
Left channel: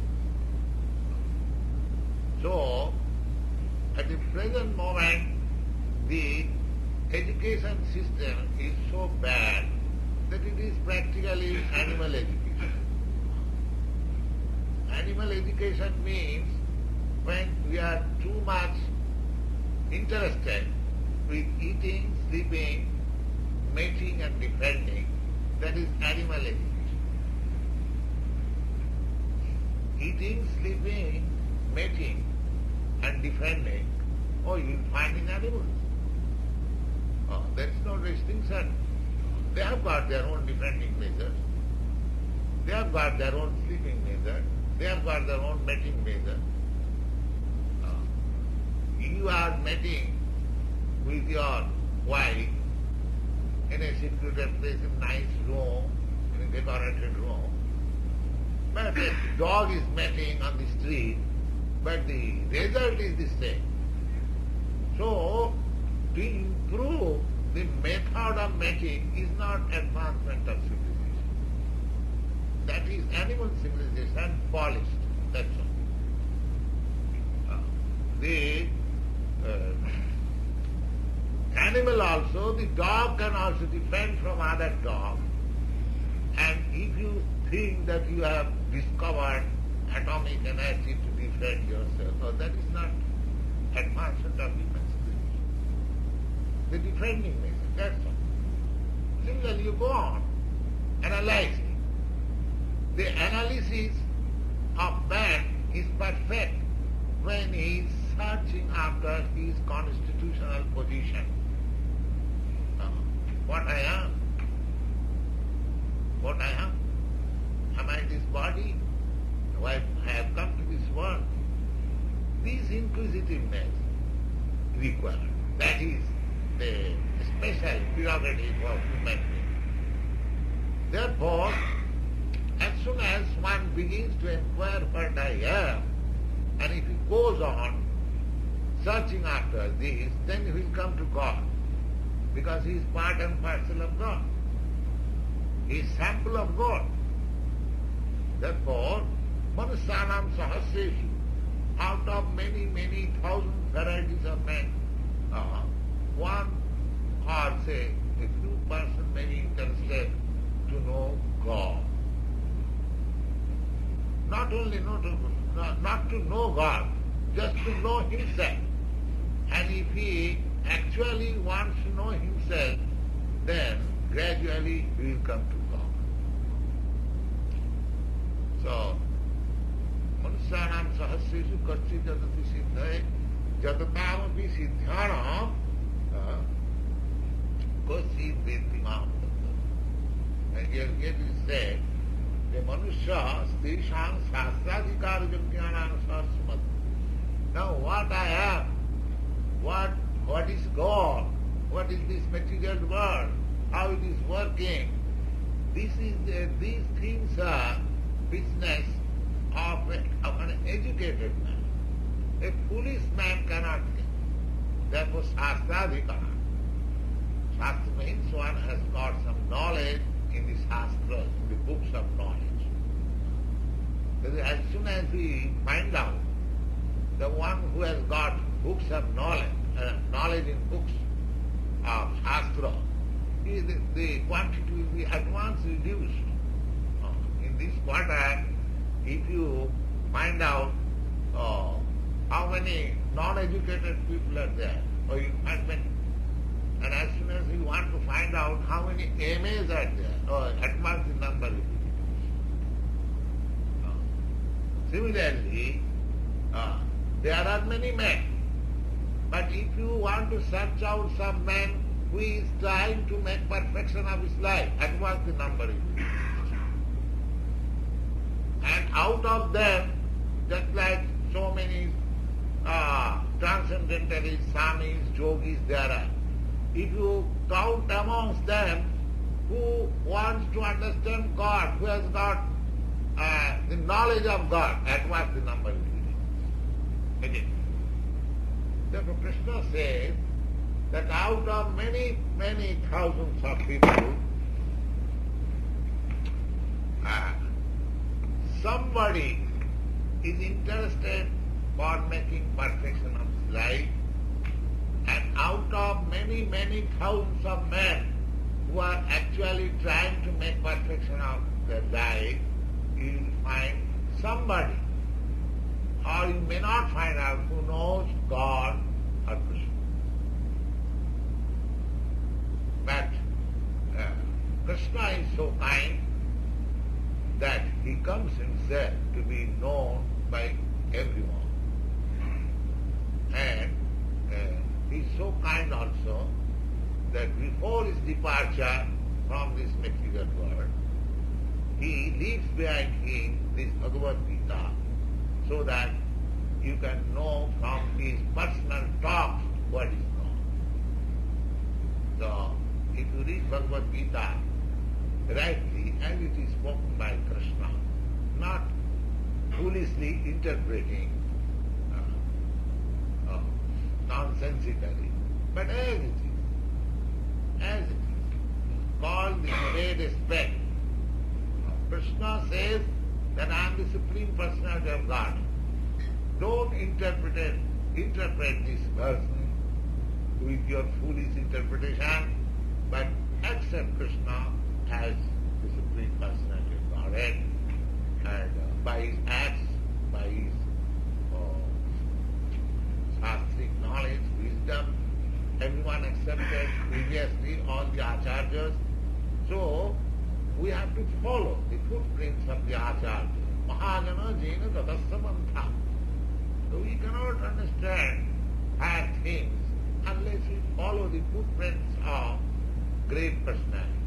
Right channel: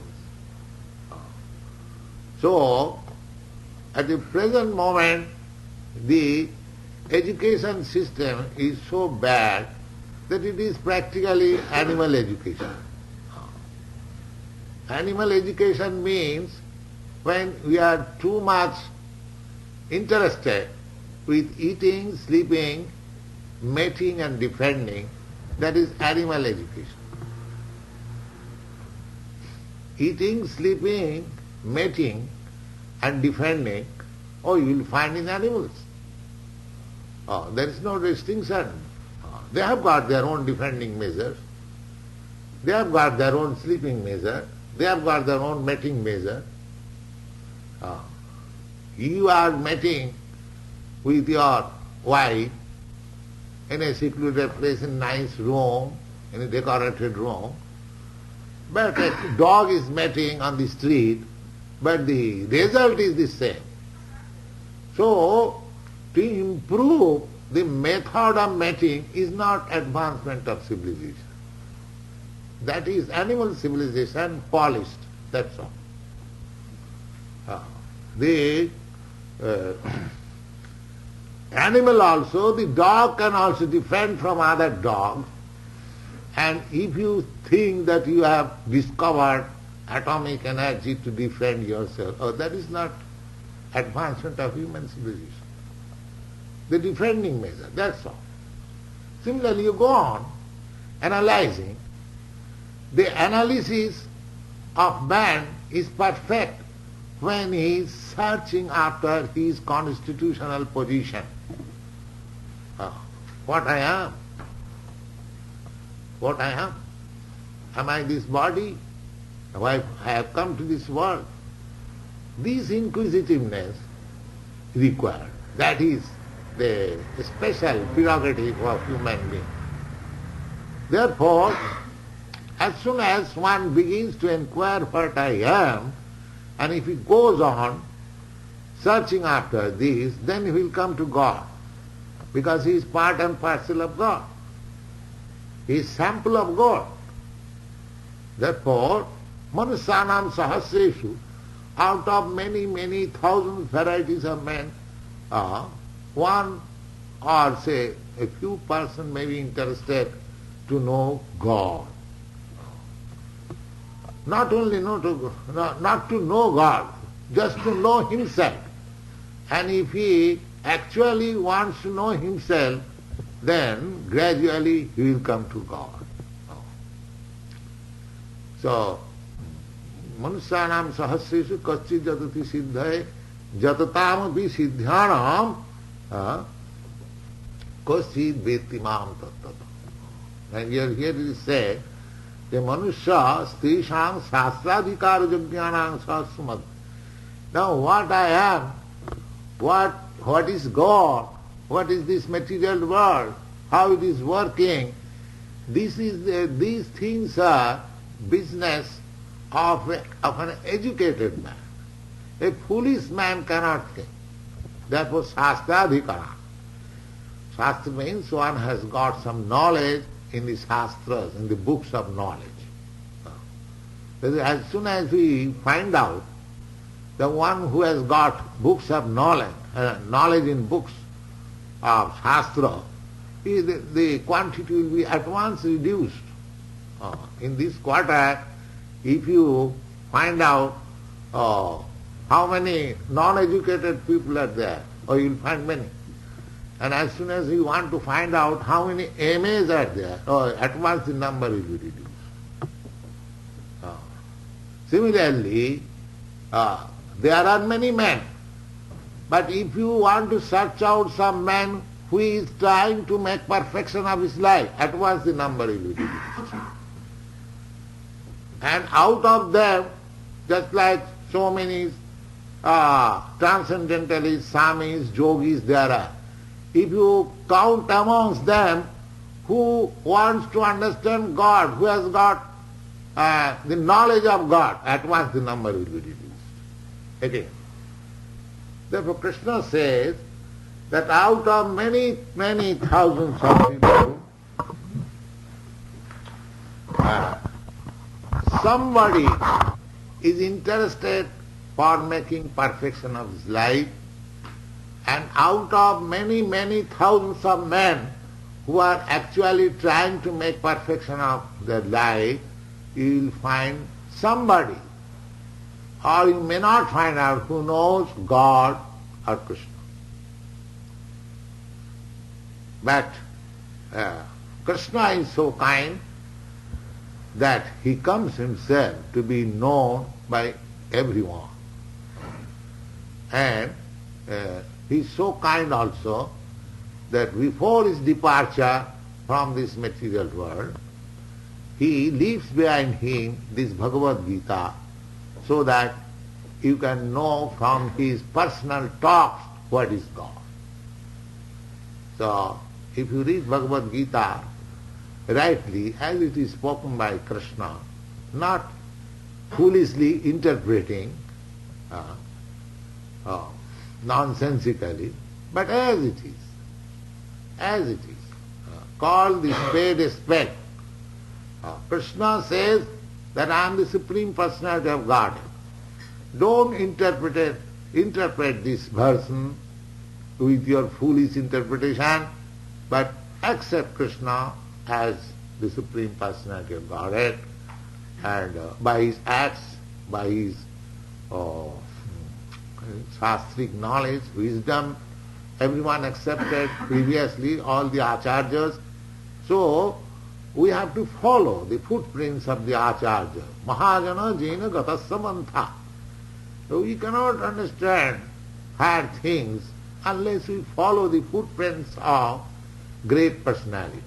So, at the present moment, the education system is so bad that it is practically animal education. Animal education means when we are too much interested with eating, sleeping, mating and defending, that is animal education. Eating, sleeping, mating and defending, you will find in animals. There is no distinction. They have got their own defending measures. They have got their own sleeping measure. They have got their own mating measure. You are mating with your wife in a secluded place, in a nice room, in a decorated room. But a dog is mating on the street, but the result is the same. So, to improve the method of mating is not advancement of civilization. That is animal civilization polished, that's all. The animal also, the dog can also defend from other dogs, and if you think that you have discovered atomic energy to defend yourself, that is not advancement of human civilization. The defending measure, that's all. Similarly, you go on analyzing. The analysis of man is perfect when he is searching after his constitutional position. What I am? What I am? Am I this body? I have come to this world. This inquisitiveness required. That is the special prerogative of human being. Therefore, as soon as one begins to inquire what I am, and if he goes on searching after this, then he will come to God, because he is part and parcel of God. He is sample of God. Therefore, manusyanam sahasreshu, out of many, many thousands varieties of men, one or say a few persons may be interested to know God. Not only not to know God, just to know himself. And if he actually wants to know himself, then gradually he will come to God. So, manusyanam sahasreshu kaschit jatati siddhaye jatatam api siddhyanam kaschit veti mam tattva. And here it is said, the manusya strisham sastradhikara jagyanam sasmat. Now what I am, what is God, what is this material world, how it is working, these things are business of an educated man. A foolish man cannot think. Therefore sastradhikara. Shastra means one has got some knowledge in the shastras, in the books of knowledge. As soon as we find out the one who has got books of knowledge, knowledge in books of shastra, the quantity will be at once reduced. In this quarter, if you find out how many non-educated people are there, or you will find many. And as soon as you want to find out how many MAs are there, at once the number will be reduced. Similarly, there are many men, but if you want to search out some man who is trying to make perfection of his life, at once the number will be reduced. And out of them, just like so many transcendentalists, samis, yogis there are, if you count amongst them who wants to understand God, who has got the knowledge of God, at once the number will be reduced. Okay. Therefore Krishna says that out of many, many thousands of people, somebody is interested for making perfection of his life, and out of many, many thousands of men who are actually trying to make perfection of their life, you will find somebody, or you may not find out, who knows God or Krishna. But Krishna is so kind that he comes himself to be known by everyone. And he is so kind also that before his departure from this material world, he leaves behind him this Bhagavad Gita, so that you can know from his personal talks what is God. So, if you read Bhagavad Gita rightly, as it is spoken by Krishna, not foolishly interpreting nonsensically, but as it is, call the spade a spade. Krishna says that I am the Supreme Personality of Godhead. Don't interpret this version with your foolish interpretation, but accept Krishna as the Supreme Personality of Godhead, and by his acts, by his shastric knowledge, wisdom, everyone accepted previously, all the acharyas. So we have to follow the footprints of the acharyas. Mahajana jena gatasya mantha. So we cannot understand higher things unless we follow the footprints of great personalities.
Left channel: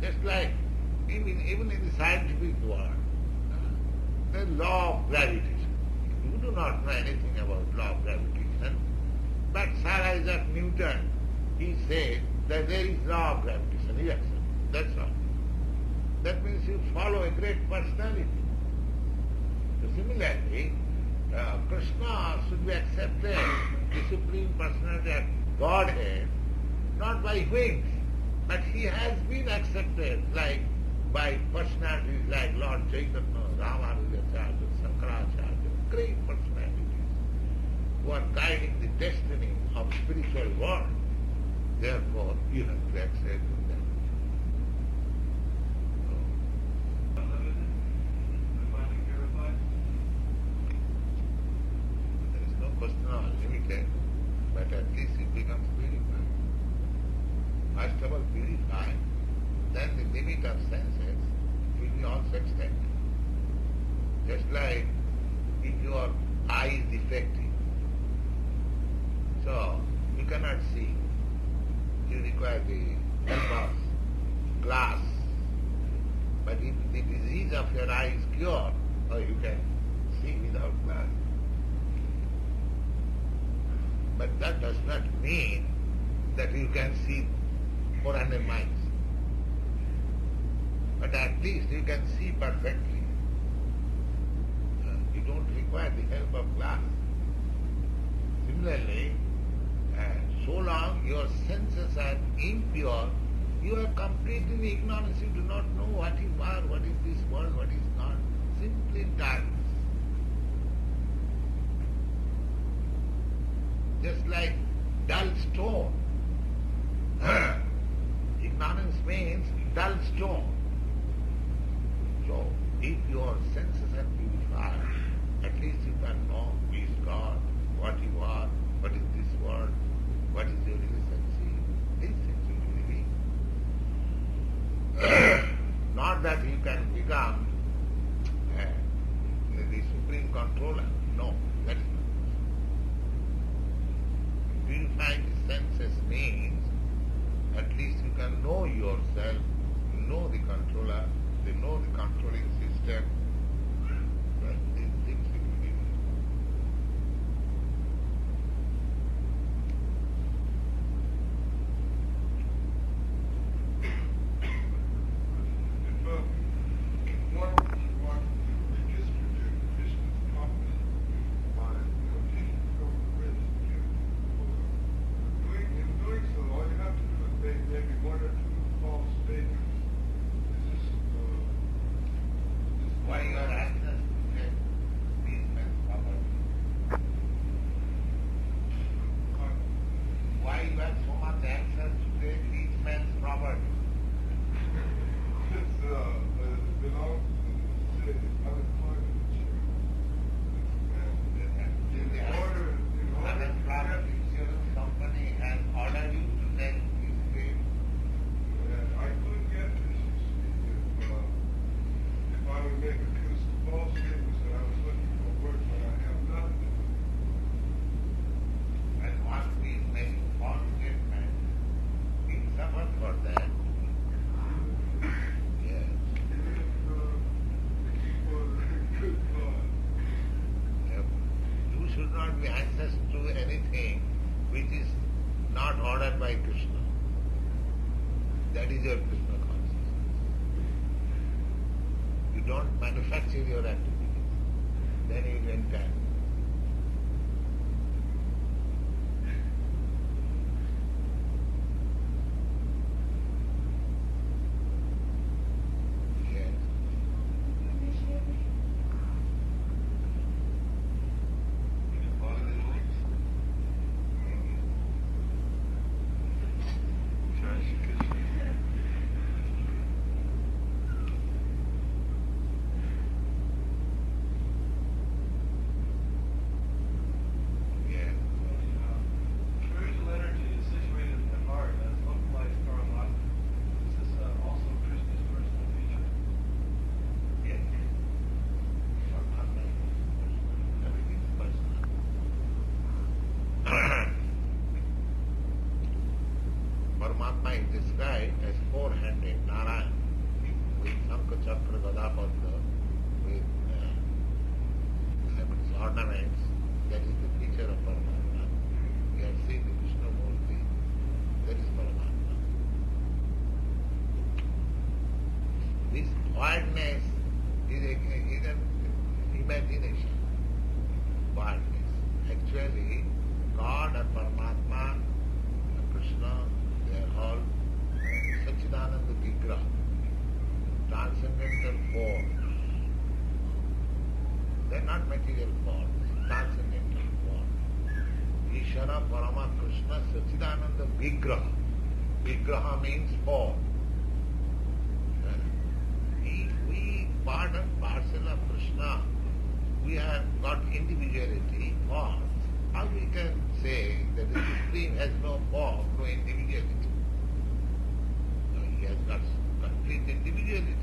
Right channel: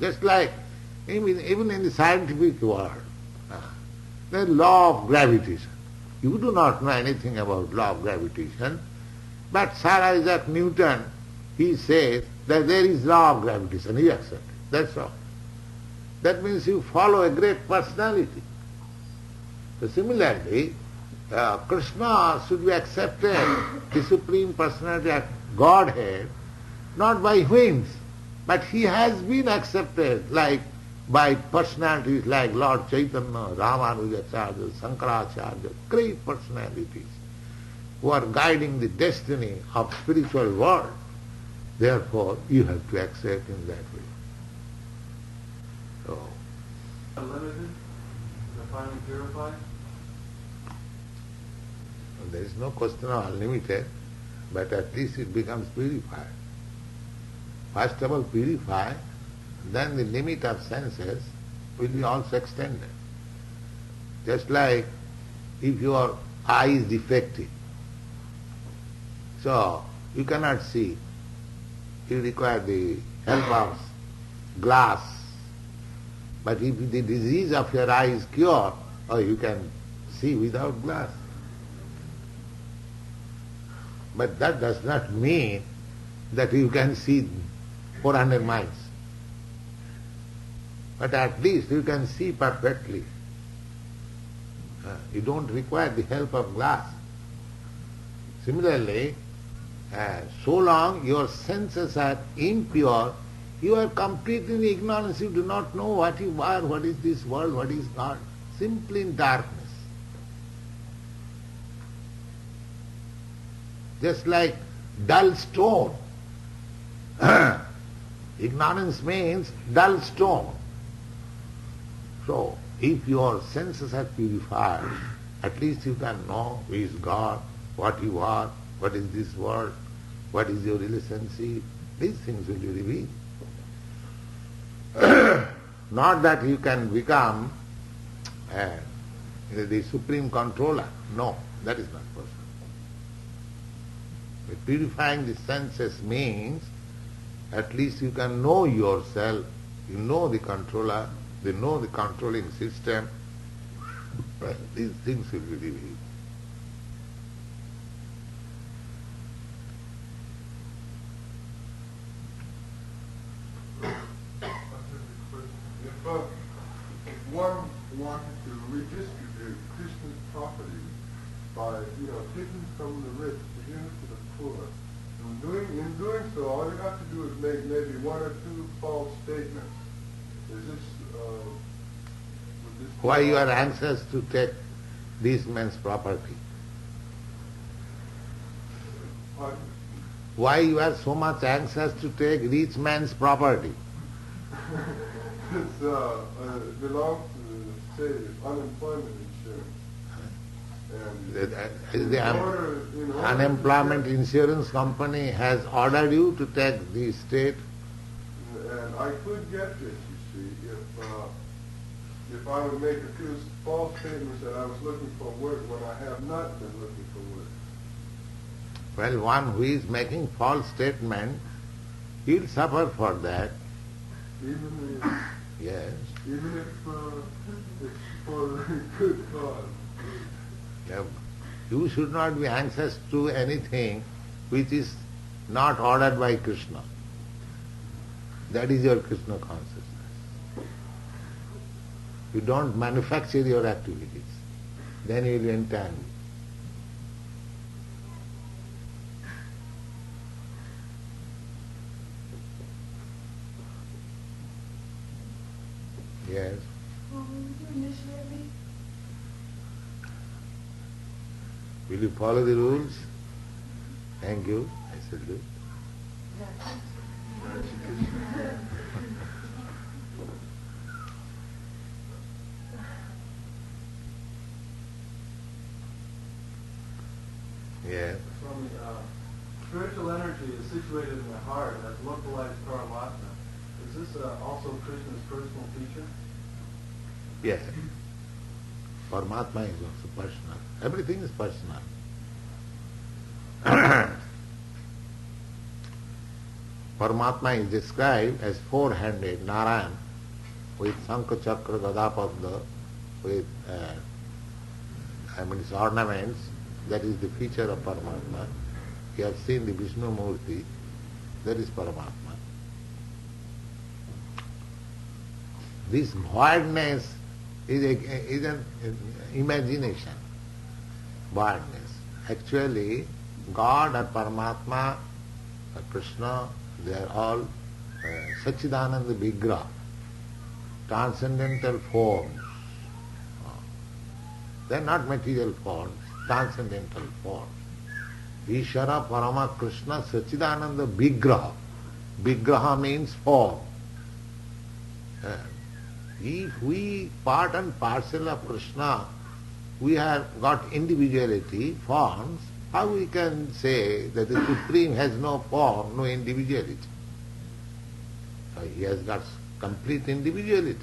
Just like even in the scientific world, the law of gravitation. You do not know anything about law of gravitation, but Sir Isaac Newton, he says that there is law of gravitation. He accepts. That's all. That means you follow a great personality. So similarly, Krishna should be accepted, the Supreme Personality of Godhead, not by whims, but he has been accepted like by personalities like Lord Chaitanya, Ramanujacharya, Shankaracharya, great personalities who are guiding the destiny of spiritual world. Therefore, you have to accept in that way. So, unlimited, finally purified? there is no question of unlimited, but at least it becomes purified. First of all purify, then the limit of senses will be also extended. Just like if your eye is defective, so you cannot see, you require the help of glass. But if the disease of your eye is cured, you can see without glass. But that does not mean that you can see 400 miles. But at least you can see perfectly. You don't require the help of glass. Similarly, so long your senses are impure, you are completely in ignorance. You do not know what you are, what is this world, what is God. Simply in darkness. Just like dull stone. Ignorance means dull stone. So, if your senses are purified, at least you can know who is God, what you are, what is this world, what is your relationship. These things will be revealed. Not that you can become the supreme controller. No, that is not possible. Purifying the senses means at least you can know yourself, you know the controller, you know the controlling system. These things will be revealed. If one wanted to redistribute Krishna's property by, taking from the rich, giving it to the poor, in doing so, all you have to do is make maybe one or two false statements. Is this, Why you are anxious to take this man's property? Why you are so much anxious to take rich man's property? It belongs to, say, unemployment insurance. The unemployment insurance company has ordered you to take the estate. And I could get this, you see, if I would make a few false statements that I was looking for work when I have not been looking for work. Well, one who is making false statement, he'll suffer for that. Even if, Yes. even if it's for a good cause. You should not be anxious to anything which is not ordered by Krishna. That is your Krishna consciousness. You don't manufacture your activities. Then you will entangle. Yes. Will you follow the rules? Thank you. I said you. Yeah. Spiritual energy is situated in the heart as localized paramatma. Is this also Krishna's personal feature? Yes. Paramatma is also personal. Everything is personal. Paramatma is described as four-handed Narayan with Sankha Chakra Gada Padma, with his ornaments. That is the feature of Paramatma. You have seen the Vishnu Murti, that is Paramatma. This voidness is an imagination. Voidness. Actually, God and Paramatma, Krishna, they are all Satchidananda Vigraha, transcendental forms. They are not material forms, transcendental forms. Ishvara Parama Krishna Satchidananda Vigraha. Vigraha means form. If we part and parcel of Krishna, we have got individuality, forms, how we can say that the Supreme has no form, no individuality? He has got complete individuality.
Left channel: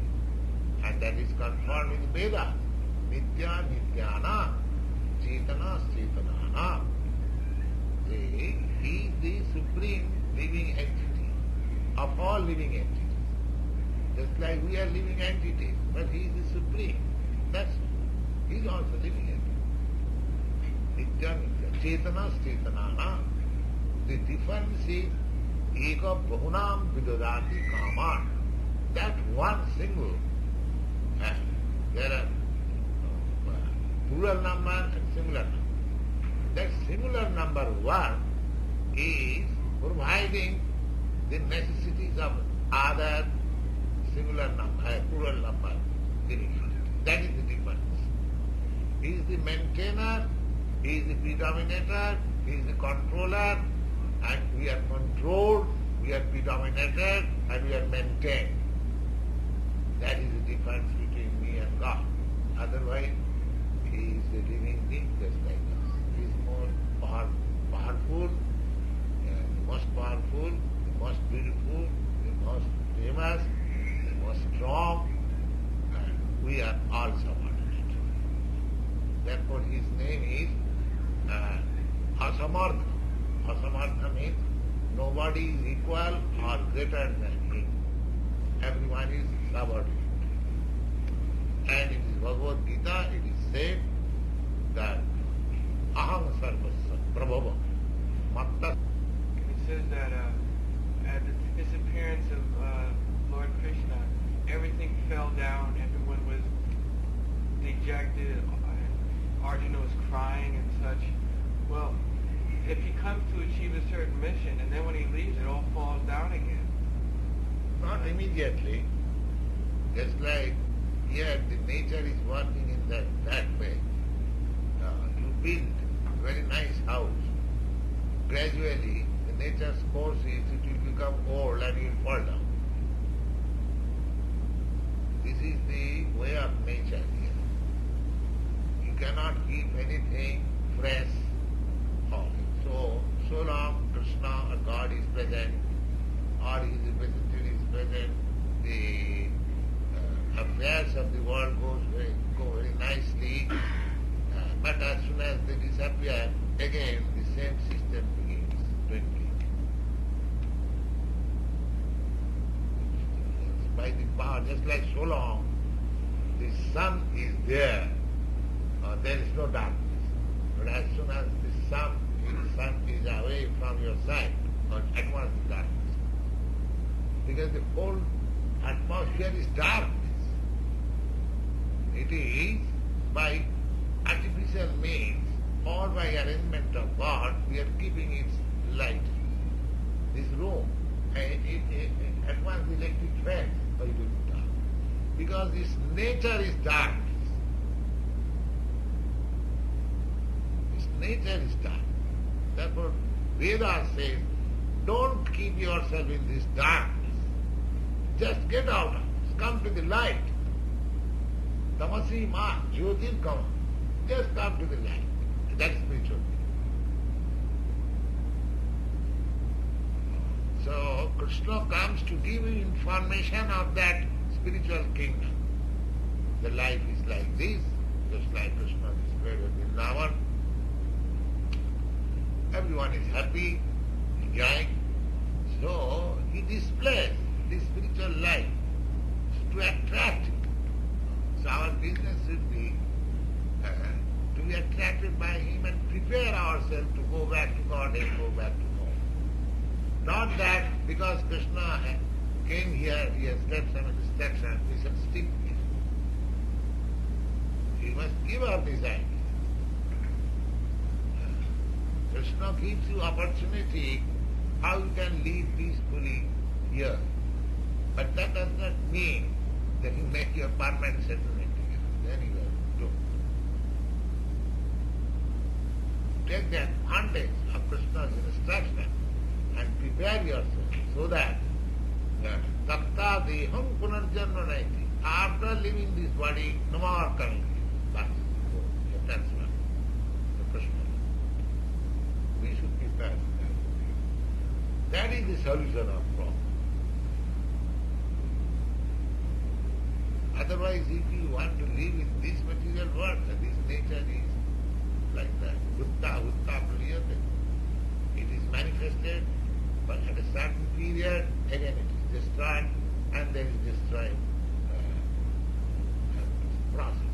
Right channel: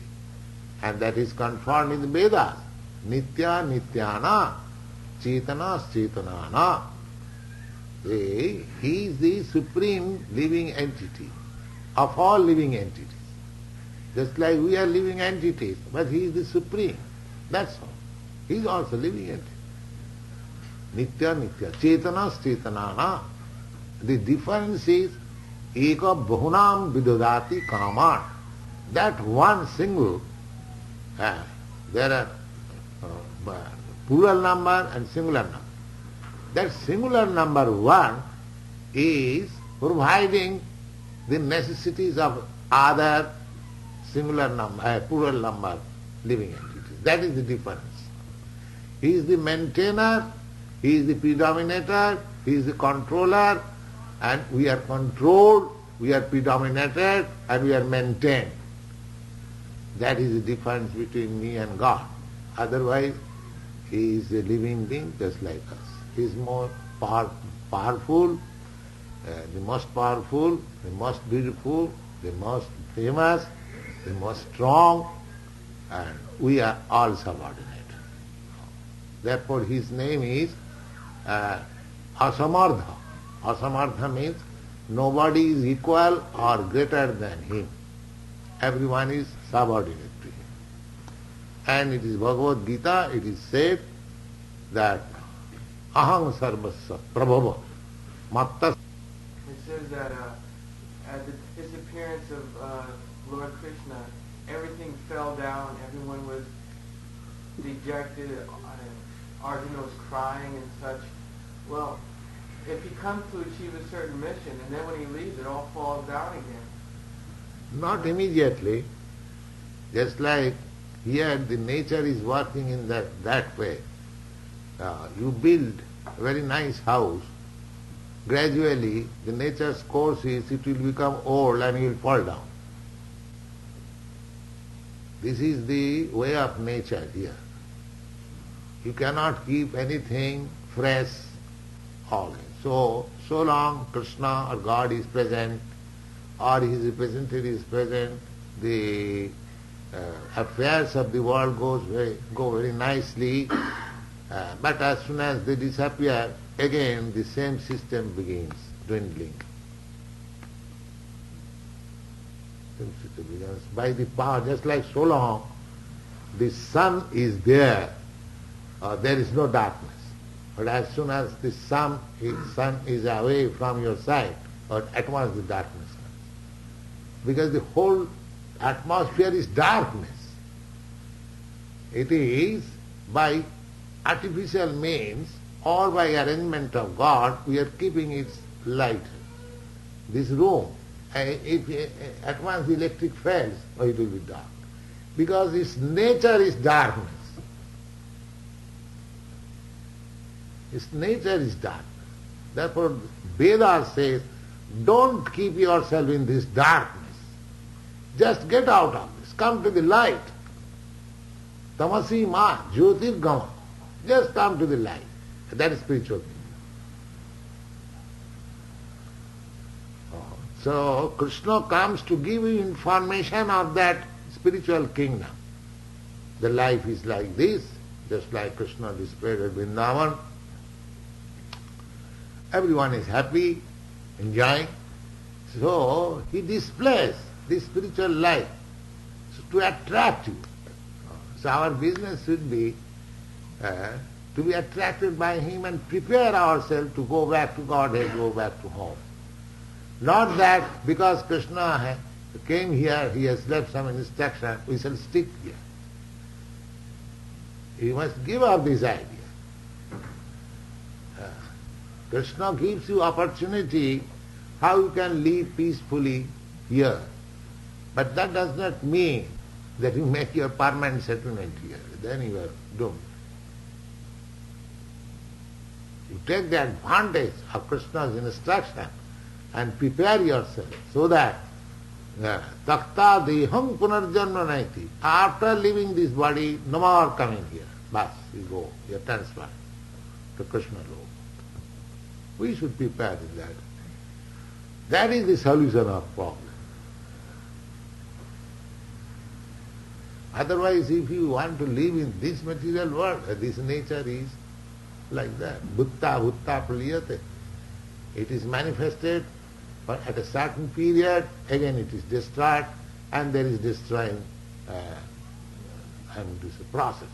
And that is confirmed in the Vedas. Nitya Nityana, Chetana Chetanana. He is the supreme living entity of all living entities. Just like we are living entities, but he is the supreme. That's all. He is also living entity. Nitya Nitya. Chetana Chetanana. The difference is Eka Bahunam Vidodati Kaman. That one single, there are plural number and singular number. That singular number one is providing the necessities of other singular number, plural number living entities. That is the difference. He is the maintainer, he is the predominator, he is the controller, and we are controlled, we are predominated, and we are maintained. That is the difference between me and God. Otherwise, he is a living being just like us. He is more powerful, the most powerful, the most beautiful, the most famous, the most strong, and we are all subordinate. Therefore his name is Asamartha. Asamartha means nobody is equal or greater than him. Everyone is subordinate to him. And it is Bhagavad Gita, it is said that Aham Sarvasya Prabhava Matta. It says that at the disappearance of Lord Krishna, everything fell down, everyone was dejected, Arjuna was crying and such. Well, if he comes to achieve a certain mission, and then when he leaves, it all falls down again. Not immediately. Just like here the nature is working in that way. You build a very nice house. Gradually the nature's course is it will become old and you will fall down. This is the way of nature here. You cannot keep anything fresh always. So long Krishna or God is present or his representative is present, the affairs of the world go very nicely. But as soon as they disappear, again the same system begins dwindling. By the power, just like so long, the sun is there is no darkness. But as soon as the sun is away from your sight, at once the darkness comes. Because the whole atmosphere is darkness. It is by artificial means or by arrangement of God, we are keeping its light. This room, at once the electric fails, or it will be dark. Because its nature is darkness. Its nature is darkness. Therefore, Vedas says, don't keep yourself in this darkness. Just get out of this. Come to the light. Tamasi ma jyotirgama. Just come to the light. That is spiritual meaning. So Krishna comes to give you information of that spiritual kingdom. The life is like this, just like Krishna displayed at Vrndavana. Everyone is happy, enjoying. So he displays this spiritual life to attract you. So our business should be to be attracted by him and prepare ourselves to go back to Godhead, go back to home. Not that because Krishna came here, he has left some instruction, we shall stick here. You must give up this idea. Krishna gives you opportunity how you can live peacefully here. But that does not mean that you make your permanent settlement here. Then you are doomed. You take the advantage of Krishna's instruction and prepare yourself so that takta deham punarjanma naiti. After leaving this body, no more coming here. Bas, you go, you are transferred to Krishna Lord. We should prepare in that. That is the solution of problem. Otherwise, if you want to live in this material world, this nature is like that. Bhutta bhutta praliyate. It is manifested, but at a certain period, again it is destroyed, and there is destroying, and it is a process.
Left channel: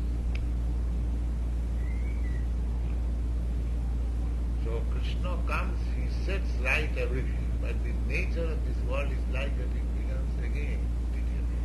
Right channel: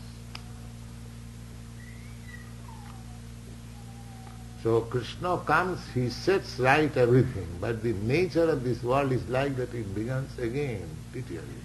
So Krishna comes, he sets right everything, but the nature of this world is like that it begins again, deteriorating.